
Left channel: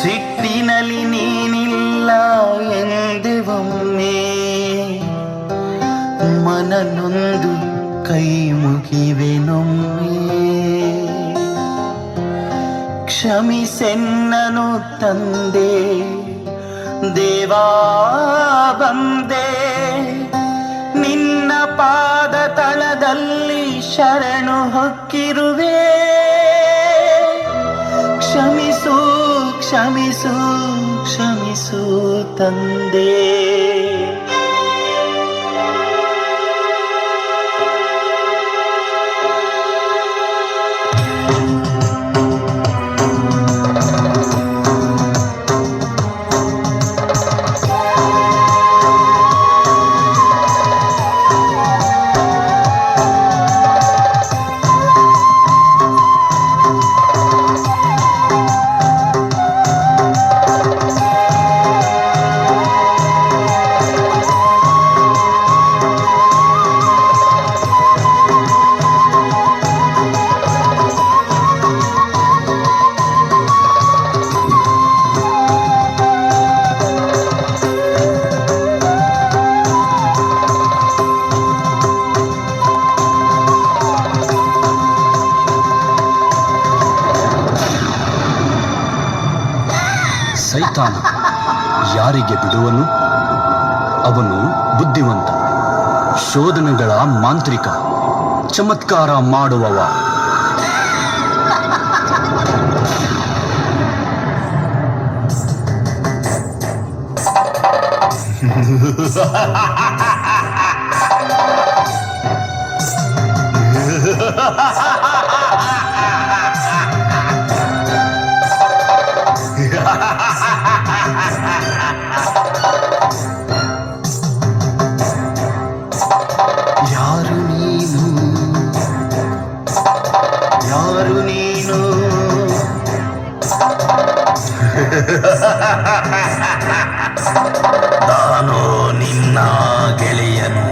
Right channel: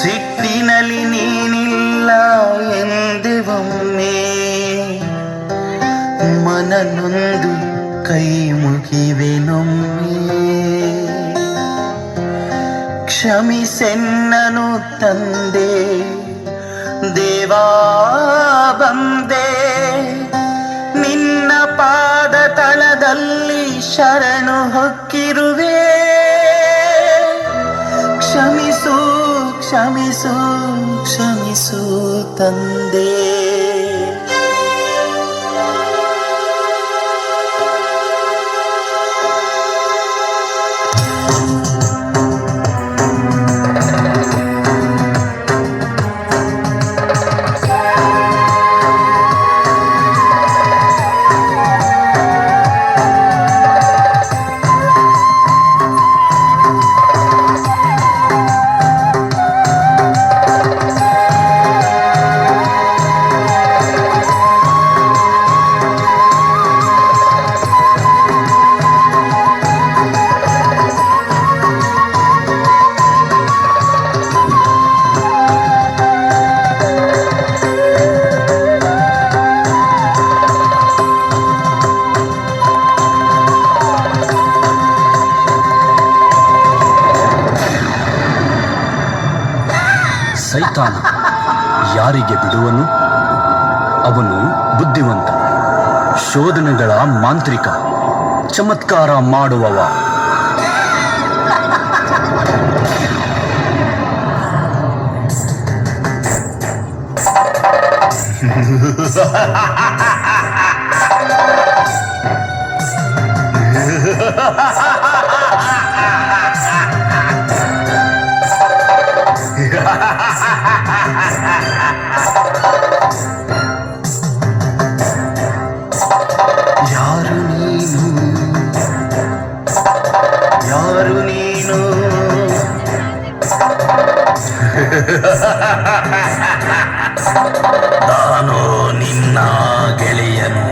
ಸಿಟ್ಟಿನಲ್ಲಿ ನೀನಿಲ್ಲ ಎಂದೆವೊಮ್ಮೆ, ಮನನೊಂದು ಕೈ ಮುಗಿವೆನೊಮ್ಮೆ. ಕ್ಷಮಿಸೆನ್ನನು ತಂದೆ, ದೇವಾ ಬಂದೆ, ನಿನ್ನ ಪಾದ ತಳದಲ್ಲಿ ಶರಣು ಹೊಕ್ಕಿರುವೆ. ಕ್ಷಮಿಸು ಕ್ಷಮಿಸು ಕ್ಷಮಿಸು ತಂದೆ. ಸೈತಾನ ಯಾರಿಗೆ ಬಿಡುವನು ಅವನು ಬುದ್ಧಿವಂತ, ಶೋಧನೆಗಳ ಮಾಂತ್ರಿಕ, ಚಮತ್ಕಾರ ಮಾಡುವವ. ಯಾರು ನೀನು, ಯಾರು ನೀನು? ನಾನು ನಿನ್ನ ಗೆಳೆಯನು,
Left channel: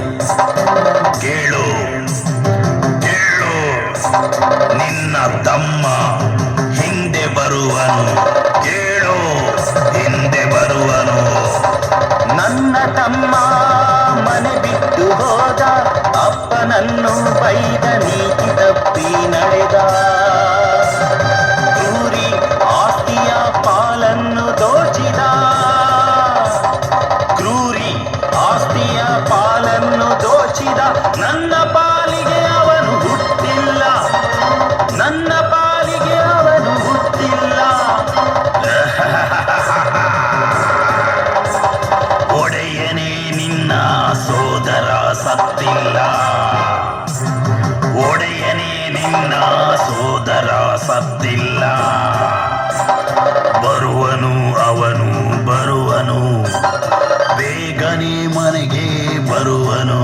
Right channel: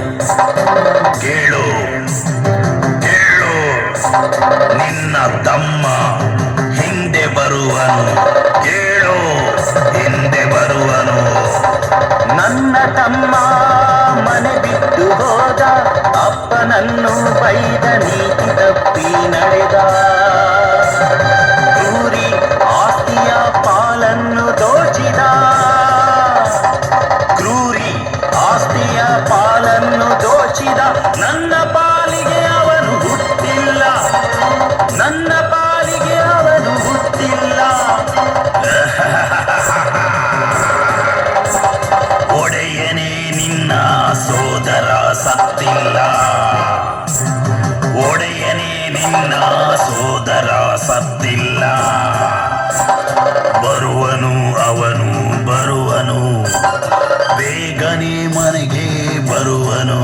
ಕೇಳು ಕೇಳು, ನಿನ್ನ ತಮ್ಮ ಹಿಂದೆ ಬರುವನು, ಕೇಳು ಹಿಂದೆ ಬರುವನು. ನನ್ನ ತಮ್ಮ ಮನೆ ಬಿಟ್ಟು ಹೋದ, ಅಪ್ಪನನ್ನು ಬೈದ, ನೀತಿ ತಪ್ಪಿ ನಡೆದ. ಕ್ರೂರಿ ಆಸ್ತಿಯ ಪಾಲನ್ನು ದೋಚಿದ, ಕ್ರೂರಿ ಆಸ್ತಿಯ ಪಾಲನ್ನು ದೋಚಿದ. ನನ್ನ ಪಾಲಿಗೆ ಅವನು ಹುಟ್ಟಿಲ್ಲ, ನನ್ನ ಪಾಲಿಗೆ ಅವನು ಹುಟ್ಟಿಲ್ಲ. ಒಡೆಯನೇ ನಿನ್ನ ಸೋದರ ಸತ್ತಿಲ್ಲ, ಒಡೆಯನೇ ನಿನ್ನ ಸೋದರ ಸತ್ತಿಲ್ಲ. ಬರುವನು ಅವನು ಬರುವನು, ಬೇಗನೆ ಮನೆಗೆ ಬರುವನು,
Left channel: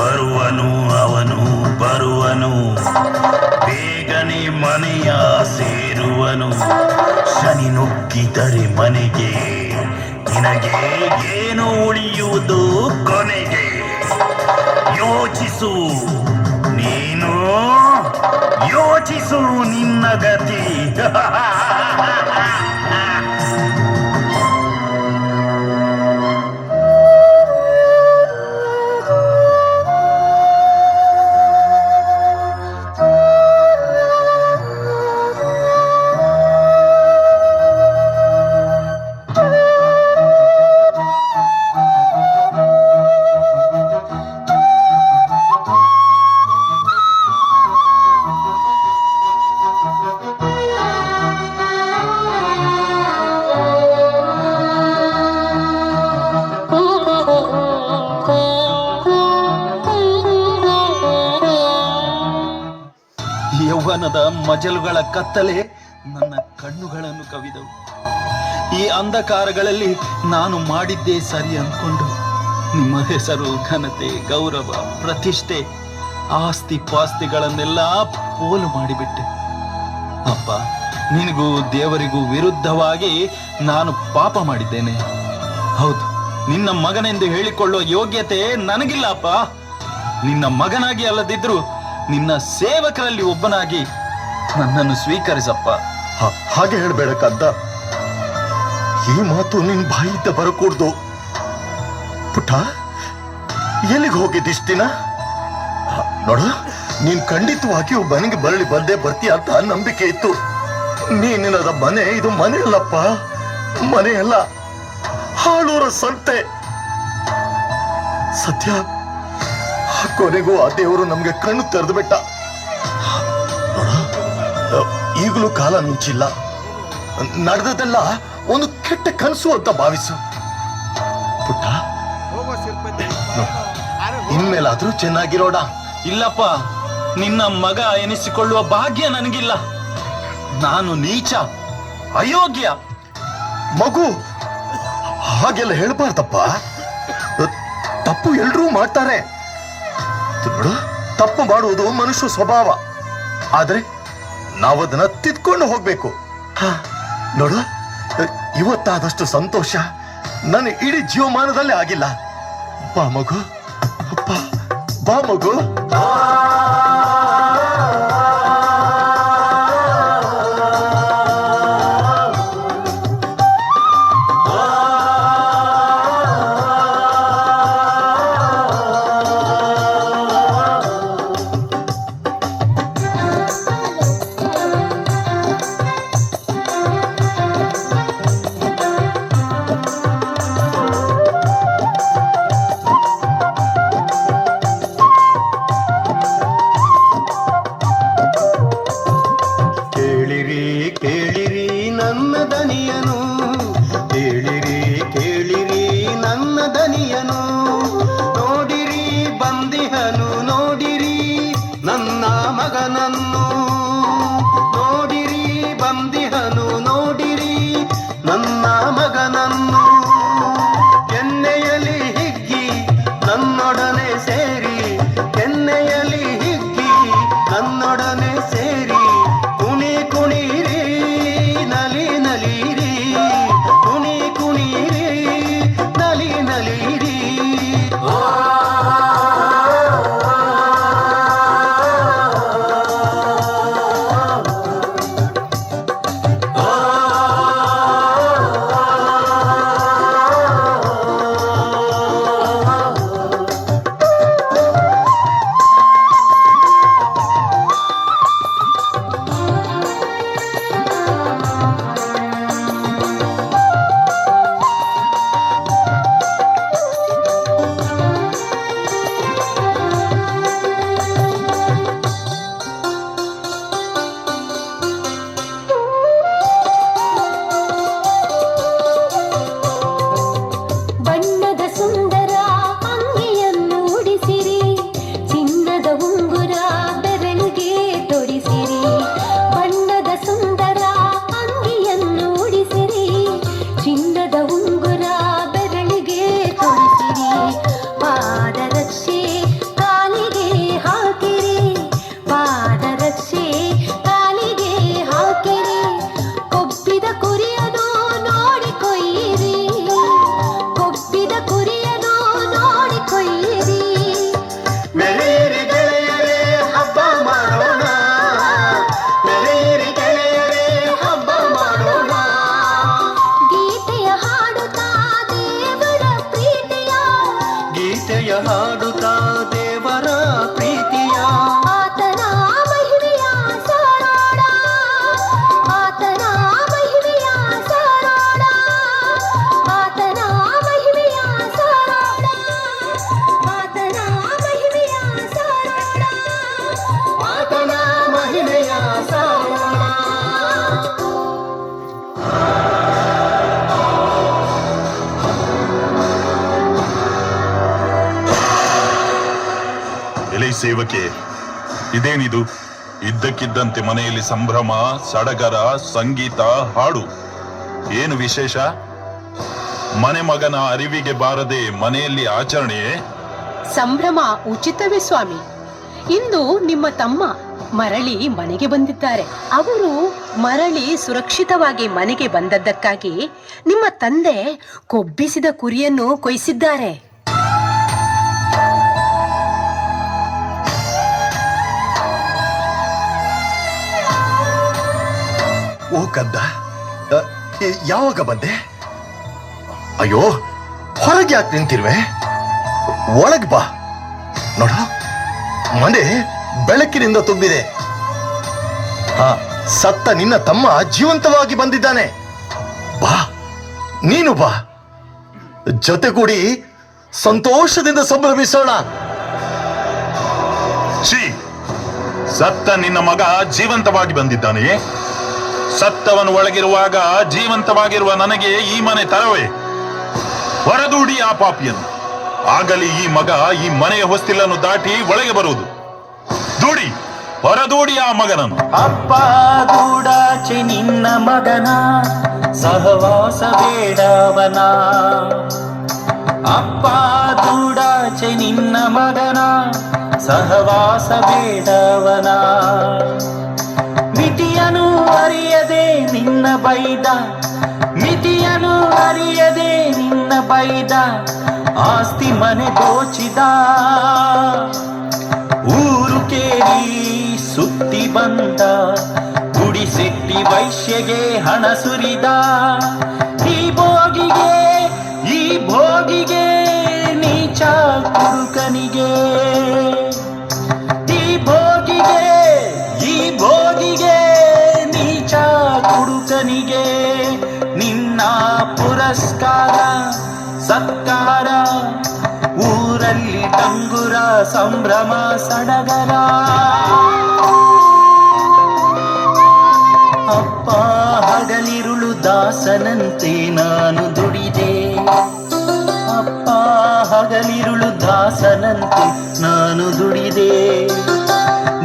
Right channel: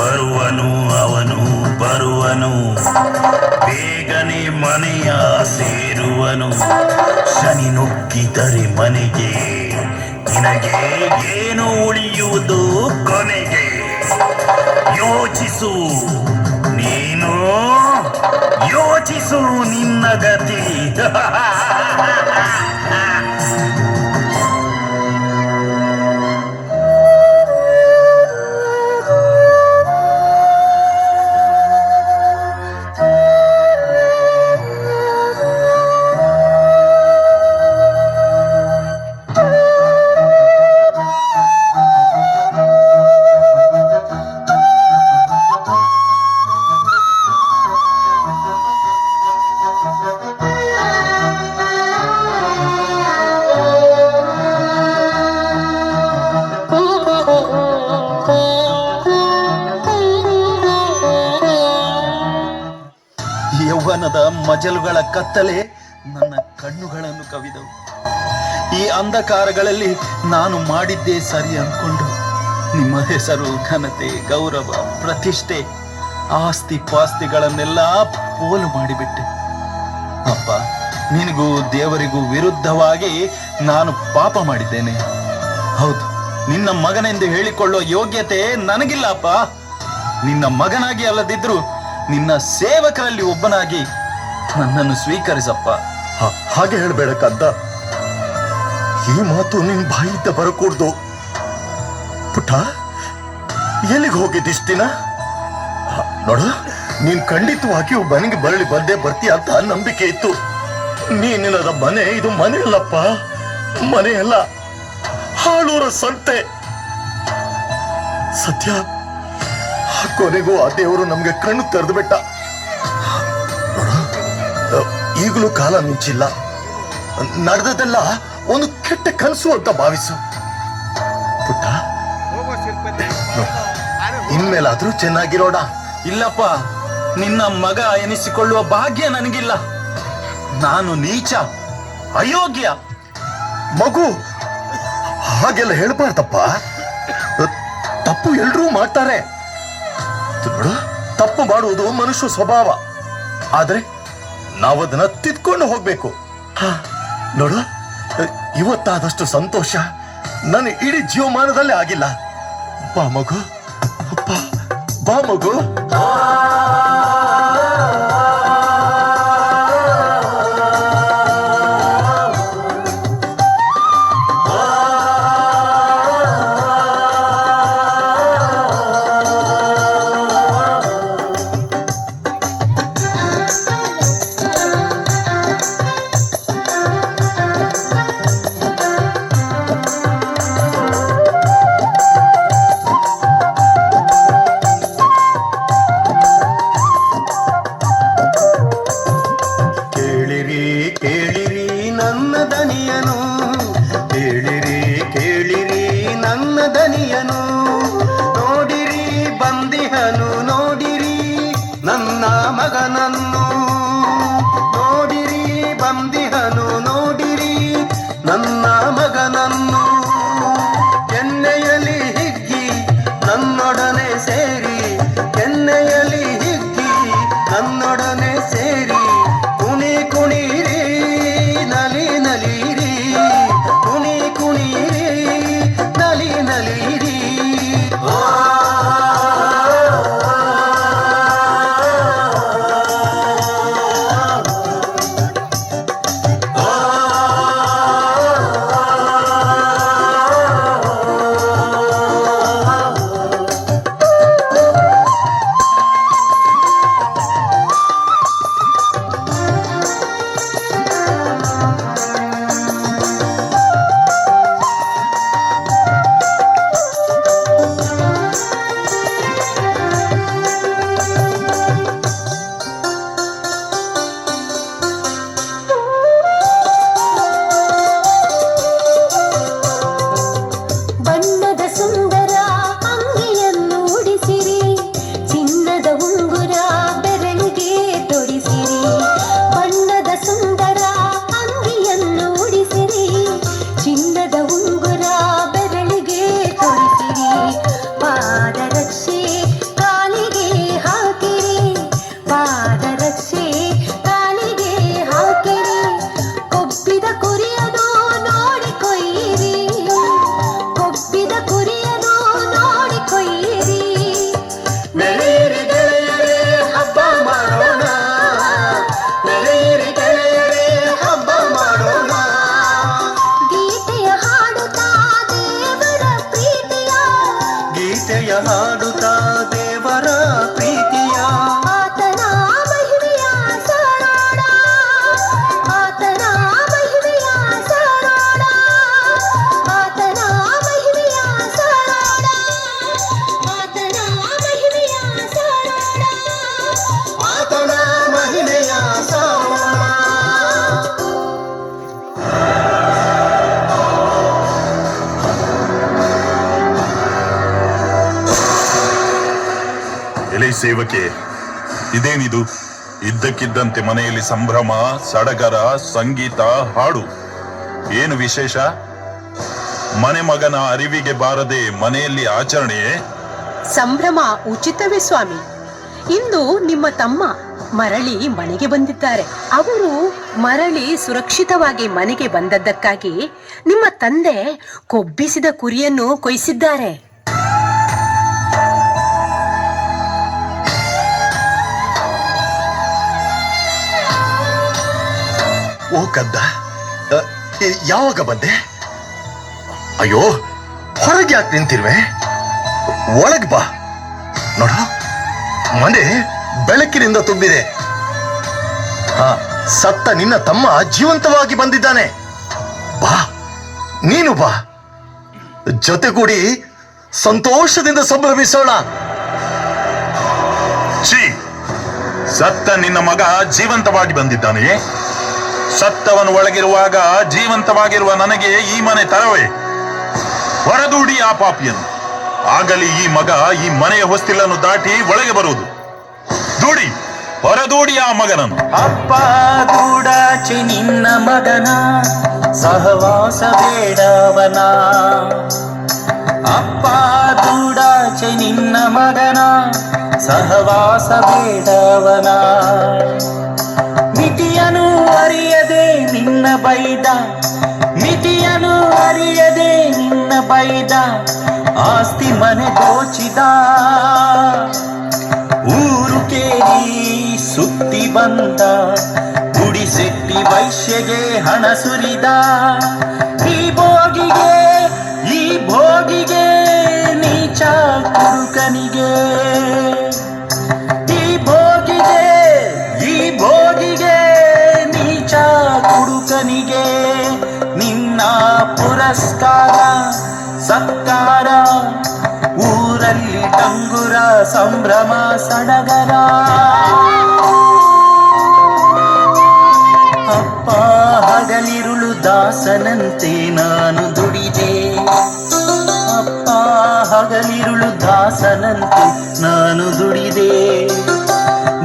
ಬರುವನು ಅವನು ಬರುವನು, ಬೇಗನೆ ಮನೆಯ ಸೇರುವನು. ಶನಿ ನುಗ್ಗಿದರೆ ಮನೆಗೆ, ನಿನಗೆ ಏನು ಉಳಿಯುವುದು ಕೊನೆಗೆ? ಯೋಚಿಸು ನೀನು ಯೋಚಿಸು ನಿನ್ನ ಗತಿ. ಯೌವನದ ಮಜಲುಗಳ ಕತ್ತಲೆ ನನ್ನ ಕಣ್ಣುಗಳನ್ನು ಕವಿದವು. ಈ ಅಂಧಕಾರಗಳಲ್ಲಿ ನಾನು ಮಾಡಿದ್ದೇ ಸರಿ ಅಂದ್ಕೊಂಡು ನಿಮ್ಮ ಹೆಸರು, ಘನತೆ, ಗೌರವ, ಪ್ರತಿಷ್ಠೆ, ಆಸ್ತಿ ಪಾಸ್ತಿಗಳನ್ನೆಲ್ಲ ಪೋಲು ಮಾಡಿಬಿಟ್ಟೆ. ಅಪ್ಪ, ನಿನಗೂ ದೇವರಿಗೂ ವಿರುದ್ಧವಾಗಿ ನಾನು ಪಾಪ ಮಾಡಿದ್ದೇನೆ. ಹೌದು, ನಿನ್ನ ಮಗನೆಂದು ಹೇಳಿಕೊಳ್ಳುವ ಯೋಗ್ಯತೆ ನನಗಿಲ್ಲ ಅಪ್ಪ. ನಿನ್ನ ಮಗನಾಗಿ ಅಲ್ಲದಿದ್ರು ನಿನ್ನ ಸೇವಕರಲ್ಲಿ ಒಬ್ಬನಾಗಿ ನನ್ನನ್ನು ಸ್ವೀಕರಿಸಪ್ಪ. ಹಾಗೆ ಹೇಳ್ಬೇಡ ಕದ್ದ. ಈ ಮಾತು ನಿನ್ ಬಾಯಿದ್ದ ಬರಕೂಡ್ದು. ಪುಟ್ಟ, ಎಲ್ಲಿಗೆ ಹೋಗಿದ್ದಿಷ್ಟ ದಿನ? ನೋಡು, ನೀನ್ ಖಂಡಿತವಾಗಿಯೂ ಮನೆಗೆ ಬರಲಿ ಬಂದೇ ಬರ್ತೀಯ ಅಂತ ನಂಬಿಕೆ ಇತ್ತು. ನೀನಿಲ್ಲದ ಮನೆ ಇದು ಮನೆ ಅಲ್ಲಪ್ಪ, ಮನೆ ಅಲ್ಲ, ಹಾಳೂರ ಸಂತೆ. ಸತ್ಯ, ಕೊನೆಗೂ ಆ ದೇವರು ನಮ್ಗೆ ಕಣ್ಣು ತೆರೆದು ಬಿಟ್ಟ. ಈಗಲೂ ಕಾಲ ನುಂಚಿಲ್ಲ. ನಡೆದದೆಲ್ಲ ಒಂದು ಕೆಟ್ಟ ಕನಸು ಅಂತ ಭಾವಿಸು ಪುಟ್ಟ. ಇನ್ಮೇಲಾದ್ರೂ ಚೆನ್ನಾಗಿರೋಣ. ಇಲ್ಲಪ್ಪ, ನಿನ್ನ ಮಗ ಎನಿಸಿಕೊಳ್ಳುವ ಭಾಗ್ಯ ನನಗಿಲ್ಲ. ನಾನು ನೀಚ, ಅಯೋಗ್ಯ. ಮಗು, ಹಾಗೆಲ್ಲ ಹೇಳ್ಬಾರ್ದಪ್ಪ. ತಪ್ಪು ಎಲ್ರೂ ಮಾಡ್ತಾರೆ. ನೋಡು, ತಪ್ಪು ಮಾಡುವುದು ಮನುಷ್ಯ ಸ್ವಭಾವ. ಆದ್ರೆ ನಾವದನ್ನ ತಿದ್ಕೊಂಡು ಹೋಗ್ಬೇಕು. ನೋಡು, ಇವತ್ತಾದಷ್ಟು ಸಂತೋಷ ನನ್ನ ಇಡೀ ಜೀವಮಾನದಲ್ಲೇ ಆಗಿಲ್ಲ. ಬಾ ಮಗು, ಬಾ ಮಗು. ಸೇವಕೆ, ಇದೇನಿದು? ಇದ್ದಕ್ಕಿದ್ದಂತೆ ಮನೆಯಲ್ಲಿ ಸಂಭ್ರಮ, ಸಡಗರ, ಸಂಗೀತ, ಹಾಡು. ಏನು ವಿಶೇಷ? ಮನೆ ಮಗನ ಅರಿವಿಗೆ ಬಾರದೆ ಮನೆಯಲ್ಲಿ ಆಚರಣೆಯೇ? ಸಂಭ್ರಮ ಉಚಿತವೇ ಸ್ವಾಮಿ. ಇಂದು ನಿಮ್ಮ ತಮ್ಮ ಮರಳಿ ಮನೆಗೆ ಬಂದಿದ್ದಾರೆ. ಅವರು ಮರಳಿ ಸುರಕ್ಷಿತವಾಗಿ ಮನೆಗೆ ಬಂದದ್ದಕ್ಕಾಗಿ ನಿಮ್ಮ ತಂದೆ ಕೊಬ್ಬಿಸಿದ ಕುರಿಯನ್ನು ಕೊಯ್ಸಿದ್ದಾರೆ. ಓ ಕದ್ದ, ಯಾವಾಗ ಬಂದೆ? ಅಯ್ಯೋ, ಹೊರಗೆ ಯಾಕೆ ನಿಂತಿರುವೆ? ಒಳಗೆ ಬಾ. ನೋಡ, ಮನೆ ಬೆಳಕಿನಿಂದ ತುಂಬಿದೆ. ಸತ್ತ ನಿನ್ನ ತಮ್ಮ ಜೀವಂತವಾಗಿ ಬಂದಿದ್ದಾನೆ. ಬಾ, ನೀನು ಬಾ, ಜೊತೆಗೂಡಿ ಸಂತೋಷದಿಂದ ಸಂಭ್ರಮಿಸೋಣ. ಛೀ, ಸತ್ತ ನಿನ್ನ ಮಗ ಜೀವಂತವಾಗಿ ಬಂದಿದ್ದಾನೆ. ಸತ್ತವನು ಒಳಗಿರುವಾಗ ಜೀವಂತವಾಗಿರುವ ನನಗೆ ಈ ಮನೆ ತರವೇ? ಹೊರದೂಡಿ ಆ ಪಾಪಿಯನ್ನು. ಆಗಲಿ ಈ ಮಗ ಈ ಮನೆಯ ಹೊಸ್ತಿಲನ್ನು ದಾಟಿ ಒಳಗೆ ಬರುವುದು. ದೂಡಿ, ಹೊರದೂಡಿ ಆ ಮಗನನ್ನು. ಅಪ್ಪ ಗೂಡಾಚೆ ನಿನ್ನ ಮಗನ ಸಹವಾಸ ಬೇಡವನ. ಅಪ್ಪ ಗೂಡಾಚೆ ನಿನ್ನ ಮಗನ ಸಹವಾಸ ಬೇಡವನ. ಮಿತಿಯನು ಅರಿಯದೆ ನಿನ್ನ ಬೈದ, ಮಿತಿಯನು ಅರಿಯದೆ ನಿನ್ನ ಬೈದ. ಆಸ್ತಿ ಮನೆ ದೋಚಿದ, ಊರು ಕೇಳಿ ಸುತ್ತಿ ಬಂದ. ಗುಡಿಸೆಟ್ಟಿ ವೈಶ್ಯಗೆ ಹಣ ಸುರಿದ. ಈ ಭೋಗಿಗೆ ನೀಚ ಕುಡುಕನಿಗೆ. ಈ ಭೋಗಿಗೆ ನೀಚ ಕುಡುಕನಿಗೆ ನಿನ್ನ ಪುರಸ್ಕಾರ ಸತ್ಕಾರ. ಊರಲ್ಲಿ ಡಂಗುರ ಸಂಭ್ರಮ ಸಡಗರ. ಅಪ್ಪ ಹಗಲಿರುಳು ದಾಸನಂತೆ ನಾನು ದುಡಿದೆ. ಅಪ್ಪ ಹಗಲಿರುಳು ದಾಸನಂತೆ ನಾನು ದುಡಿದೆ.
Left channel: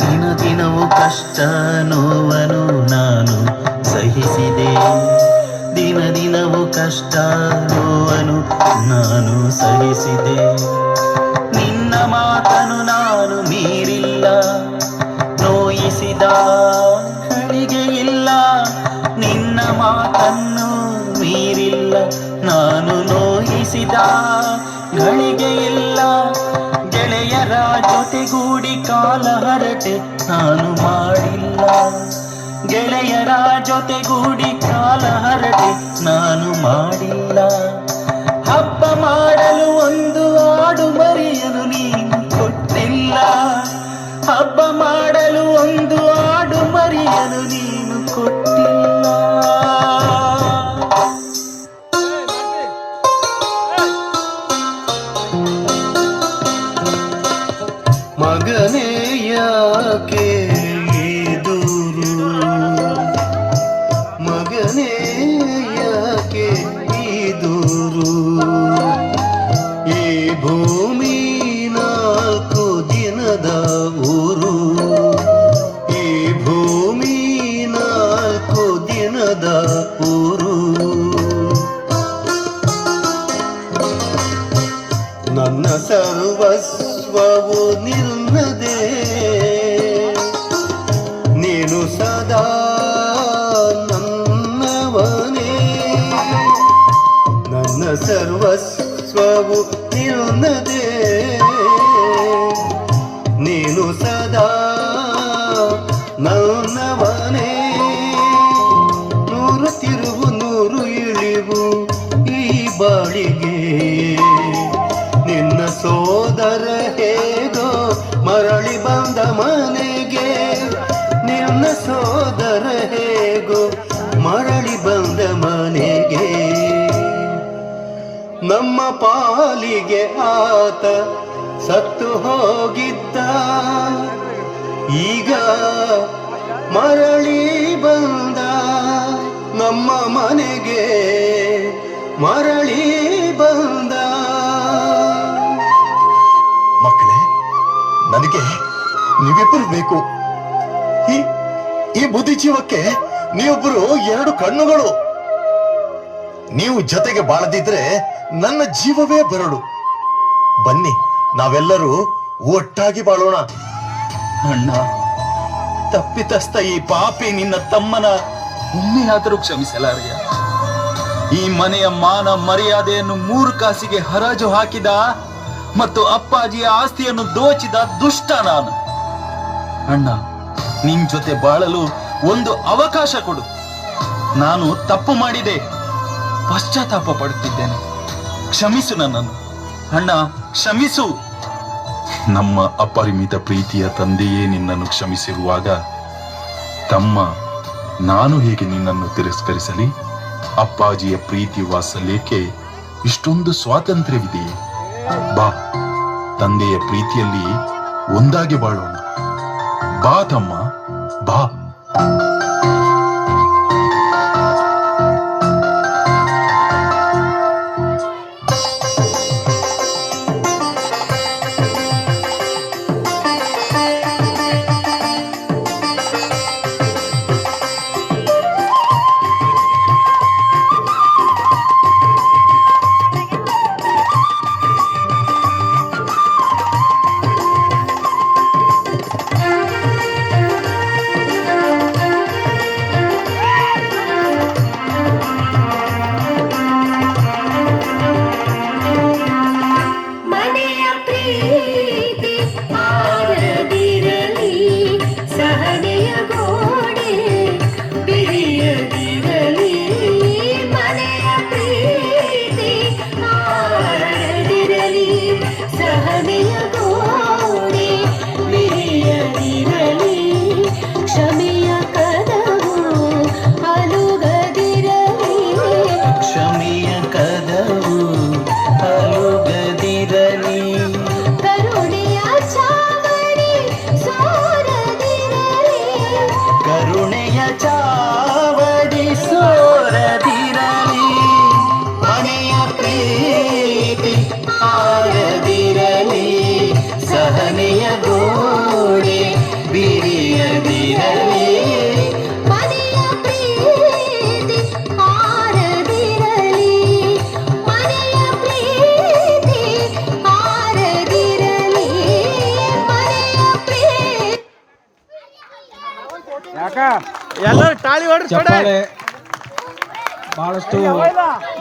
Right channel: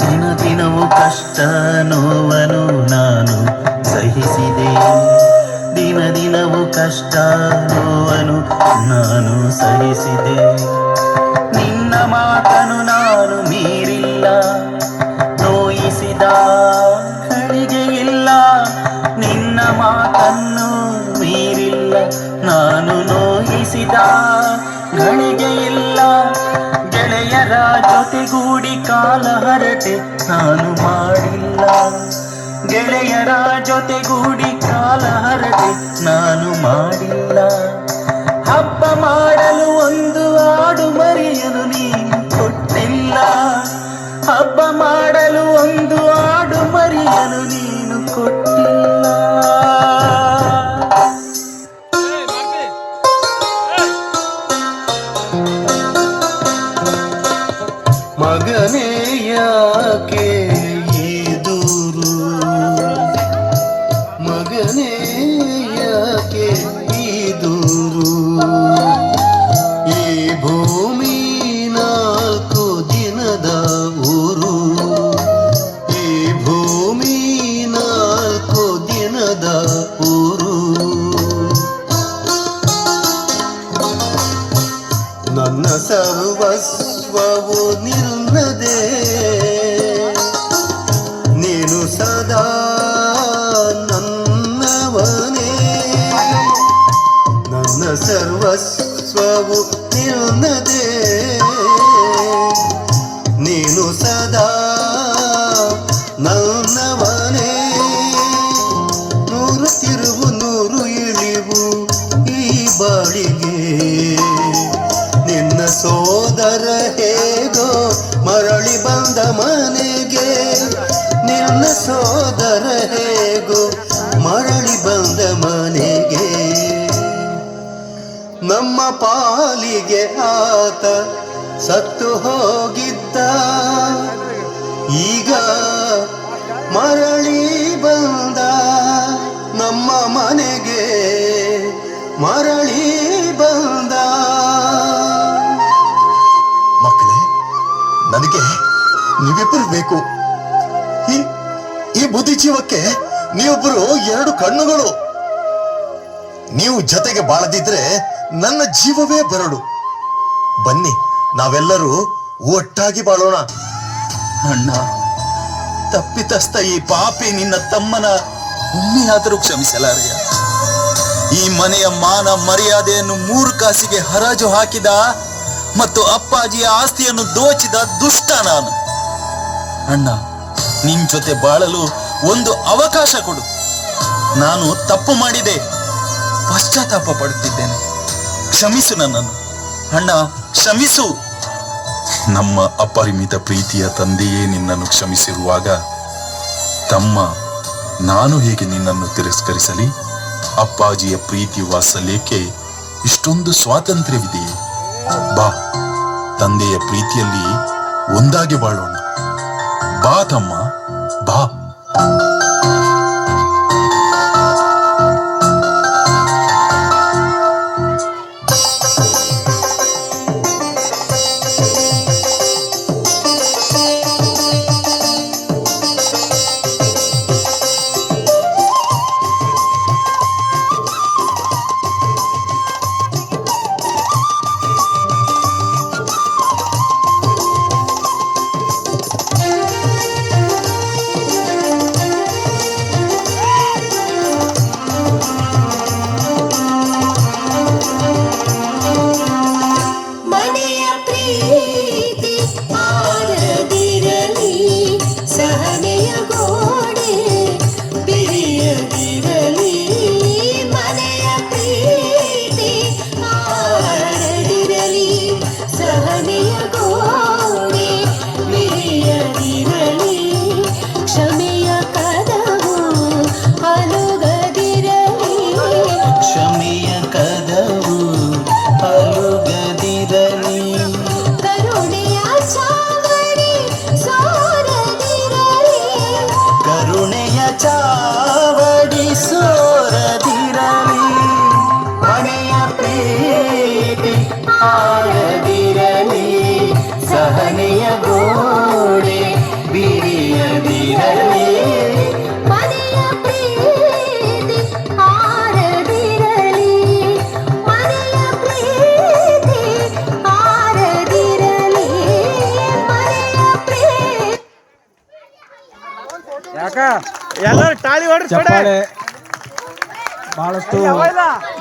ದಿನ ದಿನವೂ ಕಷ್ಟ ನೋವನು ನಾನು ಸಹಿಸಿದೆ. ದಿನ ದಿನವೂ ಕಷ್ಟ ನೋವನು ನಾನು ಸಹಿಸಿದೆ. ನಿನ್ನ ಮಾತನು ನಾನು ಮೀರಿಲ್ಲ, ನೋಯಿಸಿದ ಗಳಿಗೆ ಇಲ್ಲ. ನಿನ್ನ ಮಾತನ್ನು ಮೀರಿಲ್ಲ, ನಾನು ನೋಯಿಸಿದ ಗಳಿಗೆ ಇಲ್ಲ. ಗೆಳೆಯರ ಜೊತೆಗೂಡಿ ಕಾಲ ಹರಟೆ ನಾನು ಮಾಡಿಲ್ಲ. ಗೆಳೆಯರ ಜೊತೆಗೂಡಿ ಕಾಲ ಹರಟೆ ನಾನು ಮಾಡಿಲ್ಲ. ಹಬ್ಬ ಮಾಡಲು ಒಂದು ಆಡು ಮರಿಯನು ನೀನು ಕೊಟ್ಟಿಲ್ಲ. ಹಬ್ಬ ಮಾಡಲು ಒಂದು ಆಡು ಮರಿಯನು ನೀನು ಕೊಟ್ಟಿಲ್ಲ. ಮಗನೇ ಯಾಕೆ ಈ ದೂರು, ಮಗನೇ ಯಾಕೆ ಈ ದೂರು. ಈ ಭೂಮಿ 4 ದಿನದ ಊರು. ಈ ಭೂಮಿ 4 ದಿನದ ಊರು. ನನ್ನ ಸರ್ವಸ್ವವು ನಿನ್ನದೇ, ನೀನು ಸದಾ ನನ್ನವನೇ. ನನ್ನ ಸರ್ವಸ್ವವು ನಿನ್ನದೇ, ನೀನು ಸದಾ ನನ್ನವನೇ. 100 ತಿರುವು 100 ಇಳಿವು ಈ ಬಾಳಿಗೆ. ನಿನ್ನ ಸೋದರ ಹೇಗೋ ಮರಳಿ ಬಂದ ಮನೆಗೆ. ನಿನ್ನ ಸೋದರ ಹೇಗೋ ಮರಳಿ ಬಂದ ಮನೆಗೆ. ನಮ್ಮ ಪಾಲಿಗೆ ಆತ ಸತ್ತು ಹೋಗಿದ್ದ, ಈಗ ಮರಳಿ ಬಂದ ನಮ್ಮ ಮನೆಗೆ. ಮರಳಿ ಬಂದ. ಮಕ್ಕಳೇ, ನನಗೆ ನೀವಿಬ್ಬರು ಬೇಕು. ಈ ಬುದ್ಧಿ ಜೀವಕ್ಕೆ ನೀವೊಬ್ಬರು 2 ಕಣ್ಣುಗಳು. ನೀವು ಜೊತೆಗೆ ಬಾಳದಿದ್ರೆ ನನ್ನ ಜೀವವೇ ಬರಡು. ಬನ್ನಿ, ನಾವೆಲ್ಲರೂ ಒಟ್ಟಾಗಿ ಬಾಳೋಣ. ಅಣ್ಣ, ತಪ್ಪಿತಸ್ಥ ಈ ಪಾಪಿ ನಿನ್ನ ತಮ್ಮನ ಒಮ್ಮೆಯಾದರೂ ಕ್ಷಮಿಸಲಾರೆಯ? ಈ ಮನೆಯ ಮಾನ ಮರ್ಯಾದೆಯನ್ನು 3 ಕಾಸಿಗೆ ಹರಾಜು ಹಾಕಿದ ಮತ್ತು ಅಪ್ಪಾಜಿಯ ಆಸ್ತಿಯನ್ನು ದೋಚಿದ ದುಷ್ಟ ನಾನು. ಅಣ್ಣ, ನಿನ್ ಜೊತೆ ಬಾಳಲು ಒಂದು ಅವಕಾಶ ಕೊಡು. ನಾನು ತಪ್ಪು ಮಾಡಿದೆ, ಪಶ್ಚಾತ್ತಾಪ ಪಡುತ್ತಿದ್ದೇನೆ. ಕ್ಷಮಿಸು ನನ್ನನ್ನು ಅಣ್ಣ, ಕ್ಷಮಿಸು. ನಮ್ಮ ಅಪರಿಮಿತ ಪ್ರೀತಿಯ ತಂದೆಯೇ ನಿನ್ನನ್ನು ಕ್ಷಮಿಸಿರುವಾಗ ತಮ್ಮ ನಾನು ಹೇಗೆ ನಿನ್ನನ್ನು ತಿರಸ್ಕರಿಸಲಿ? ಅಪ್ಪಾಜಿಯ ಪ್ರೀತಿ ವಾತ್ಸಲ್ಯಕ್ಕೆ ಇಷ್ಟೊಂದು ಸ್ವಾತಂತ್ರ್ಯವಿದೆಯೇ? ಬಾ, ತಂದೆಯ ಪ್ರೀತಿಯಲ್ಲಿ ಒಂದಾಗಿ ಬಾಳೋಣ. ಬಾ ತಮ್ಮ, ಬಾ. ಮನೆಯ ಪ್ರೀತಿ ಆರದಿರಲಿ, ಸಹನೆಯ ಗೋಡೆ ಬಿರಿಯದಿರಲಿ. ಮನೆಯ ಪ್ರೀತಿ ಆರದಿರಲಿ, ಸಹನೆಯ ಗೋಡೆ ಬಿರಿಯದಿರಲಿ. ಕ್ಷಮೆಯ ಕದವು ಅಲುಗದಿರಲಿ, ಕ್ಷಮೆಯ ಕದವು ಅಲುಗದಿರಲಿ. ಕರುಣೆಯ ಚಾವಡಿ ಸೋರದಿರಲಿ, ಕರುಣೆಯ ಚಾವಡಿ ಸೋರದಿರಲಿ. ಮನೆಯ ಪ್ರೀತಿ ಆರದಿರಲಿ, ಸಹನೆಯ ಗೋಡೆ ಬಿರಿಯದಿರಲಿ. ಮನೆಯ ಪ್ರೀತಿ ಆರದಿರಲಿ, ಮನೆಯ ಪ್ರೀತಿ ಆರದಿರಲಿ, ಮನೆಯ ಪ್ರೀತಿ. ಎಲ್ಲರೂ ಟಾಳಿ ಹೊಡ್ರಿ. ಬಹಳಷ್ಟು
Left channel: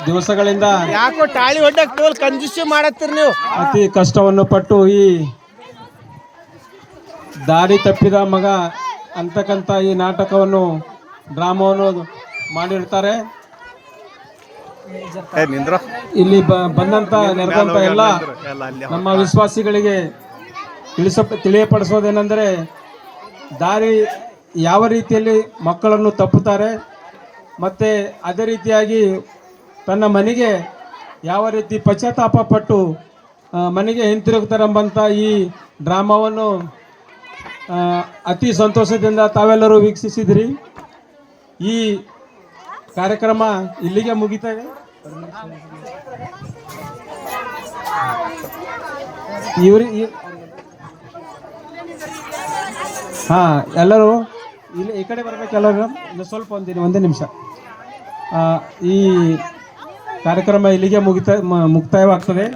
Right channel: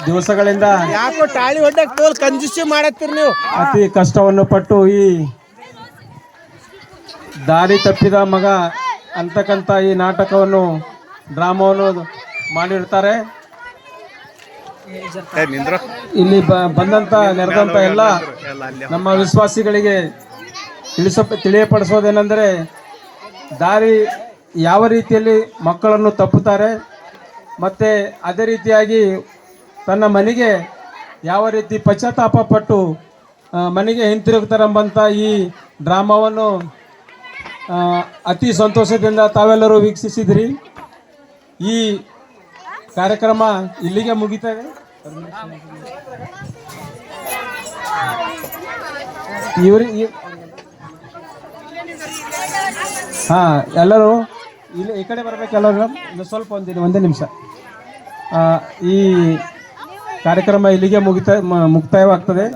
ದಿವಸಗಳಿಂದ ಯಾಕೋ ಟಾಳಿ ಹೊಡ್ಡಕ್ ತೋಲ್ ಕಂಜೂಸಿ ಮಾಡತ್ತೀರಿ ನೀವು. ಅತಿ ಕಷ್ಟವನ್ನು ಪಟ್ಟು ಈ ದಾರಿ ತಪ್ಪಿದ ಮಗ ಅಂತಕ್ಕಂಥ ಈ ನಾಟಕವನ್ನು ಡ್ರಾಮವನ್ನು ಮಾಡಿರ್ತಾರೆ. ಇಲ್ಲಿ ಬಂದಂತ ನೆರೆದಂತ ಎಲ್ಲ ನಮ್ಮ ವಿಶ್ವಾಸಿಗಳಿಗೆ ತಿಳಿಯಪಡಿಸೋದೇನೆಂದರೆ, ದಾರಿ ಯಾವ ರೀತಿಯಲ್ಲಿ ಮಕ್ಕಳನ್ನು ತಪ್ಪುತ್ತಾರೆ ಮತ್ತು ಅದೇ ರೀತಿಯಾಗಿ ತನ್ನ ಮನೆಗೆ ಯಾವ ರೀತಿ ಪಶ್ಚಾತ್ತಾಪ ಪಟ್ಟು ಮನೆಗೆ ಹಿಂತಿರುಗ್ತಾರೆಂಬಂಥ ಈ ಡ್ರಾಮಾವನ್ನು ಅತಿ ಸಂತೋಷದಿಂದ ತಾವೆಲ್ಲರೂ ವೀಕ್ಷಿಸಿದ್ರಿ. ಈ ಕಾರ್ಯಕ್ರಮ ಇಲ್ಲಿಗೆ ಮುಗಿತದೆ. ಎಲ್ಲರೂ ಇಲ್ಲಿ ಈ ಕಡೆ ಬರ್ಬೇಕು. ಎಲ್ಲರೂ ಸ್ವಲ್ಪ ಒಂದೇ ನಿಮಿಷ. ಈ ಕಾರ್ಯಕ್ರಮ ಇಲ್ಲಿಗೆ ಮುಕ್ತಾಯವಾಗ್ತದೆ.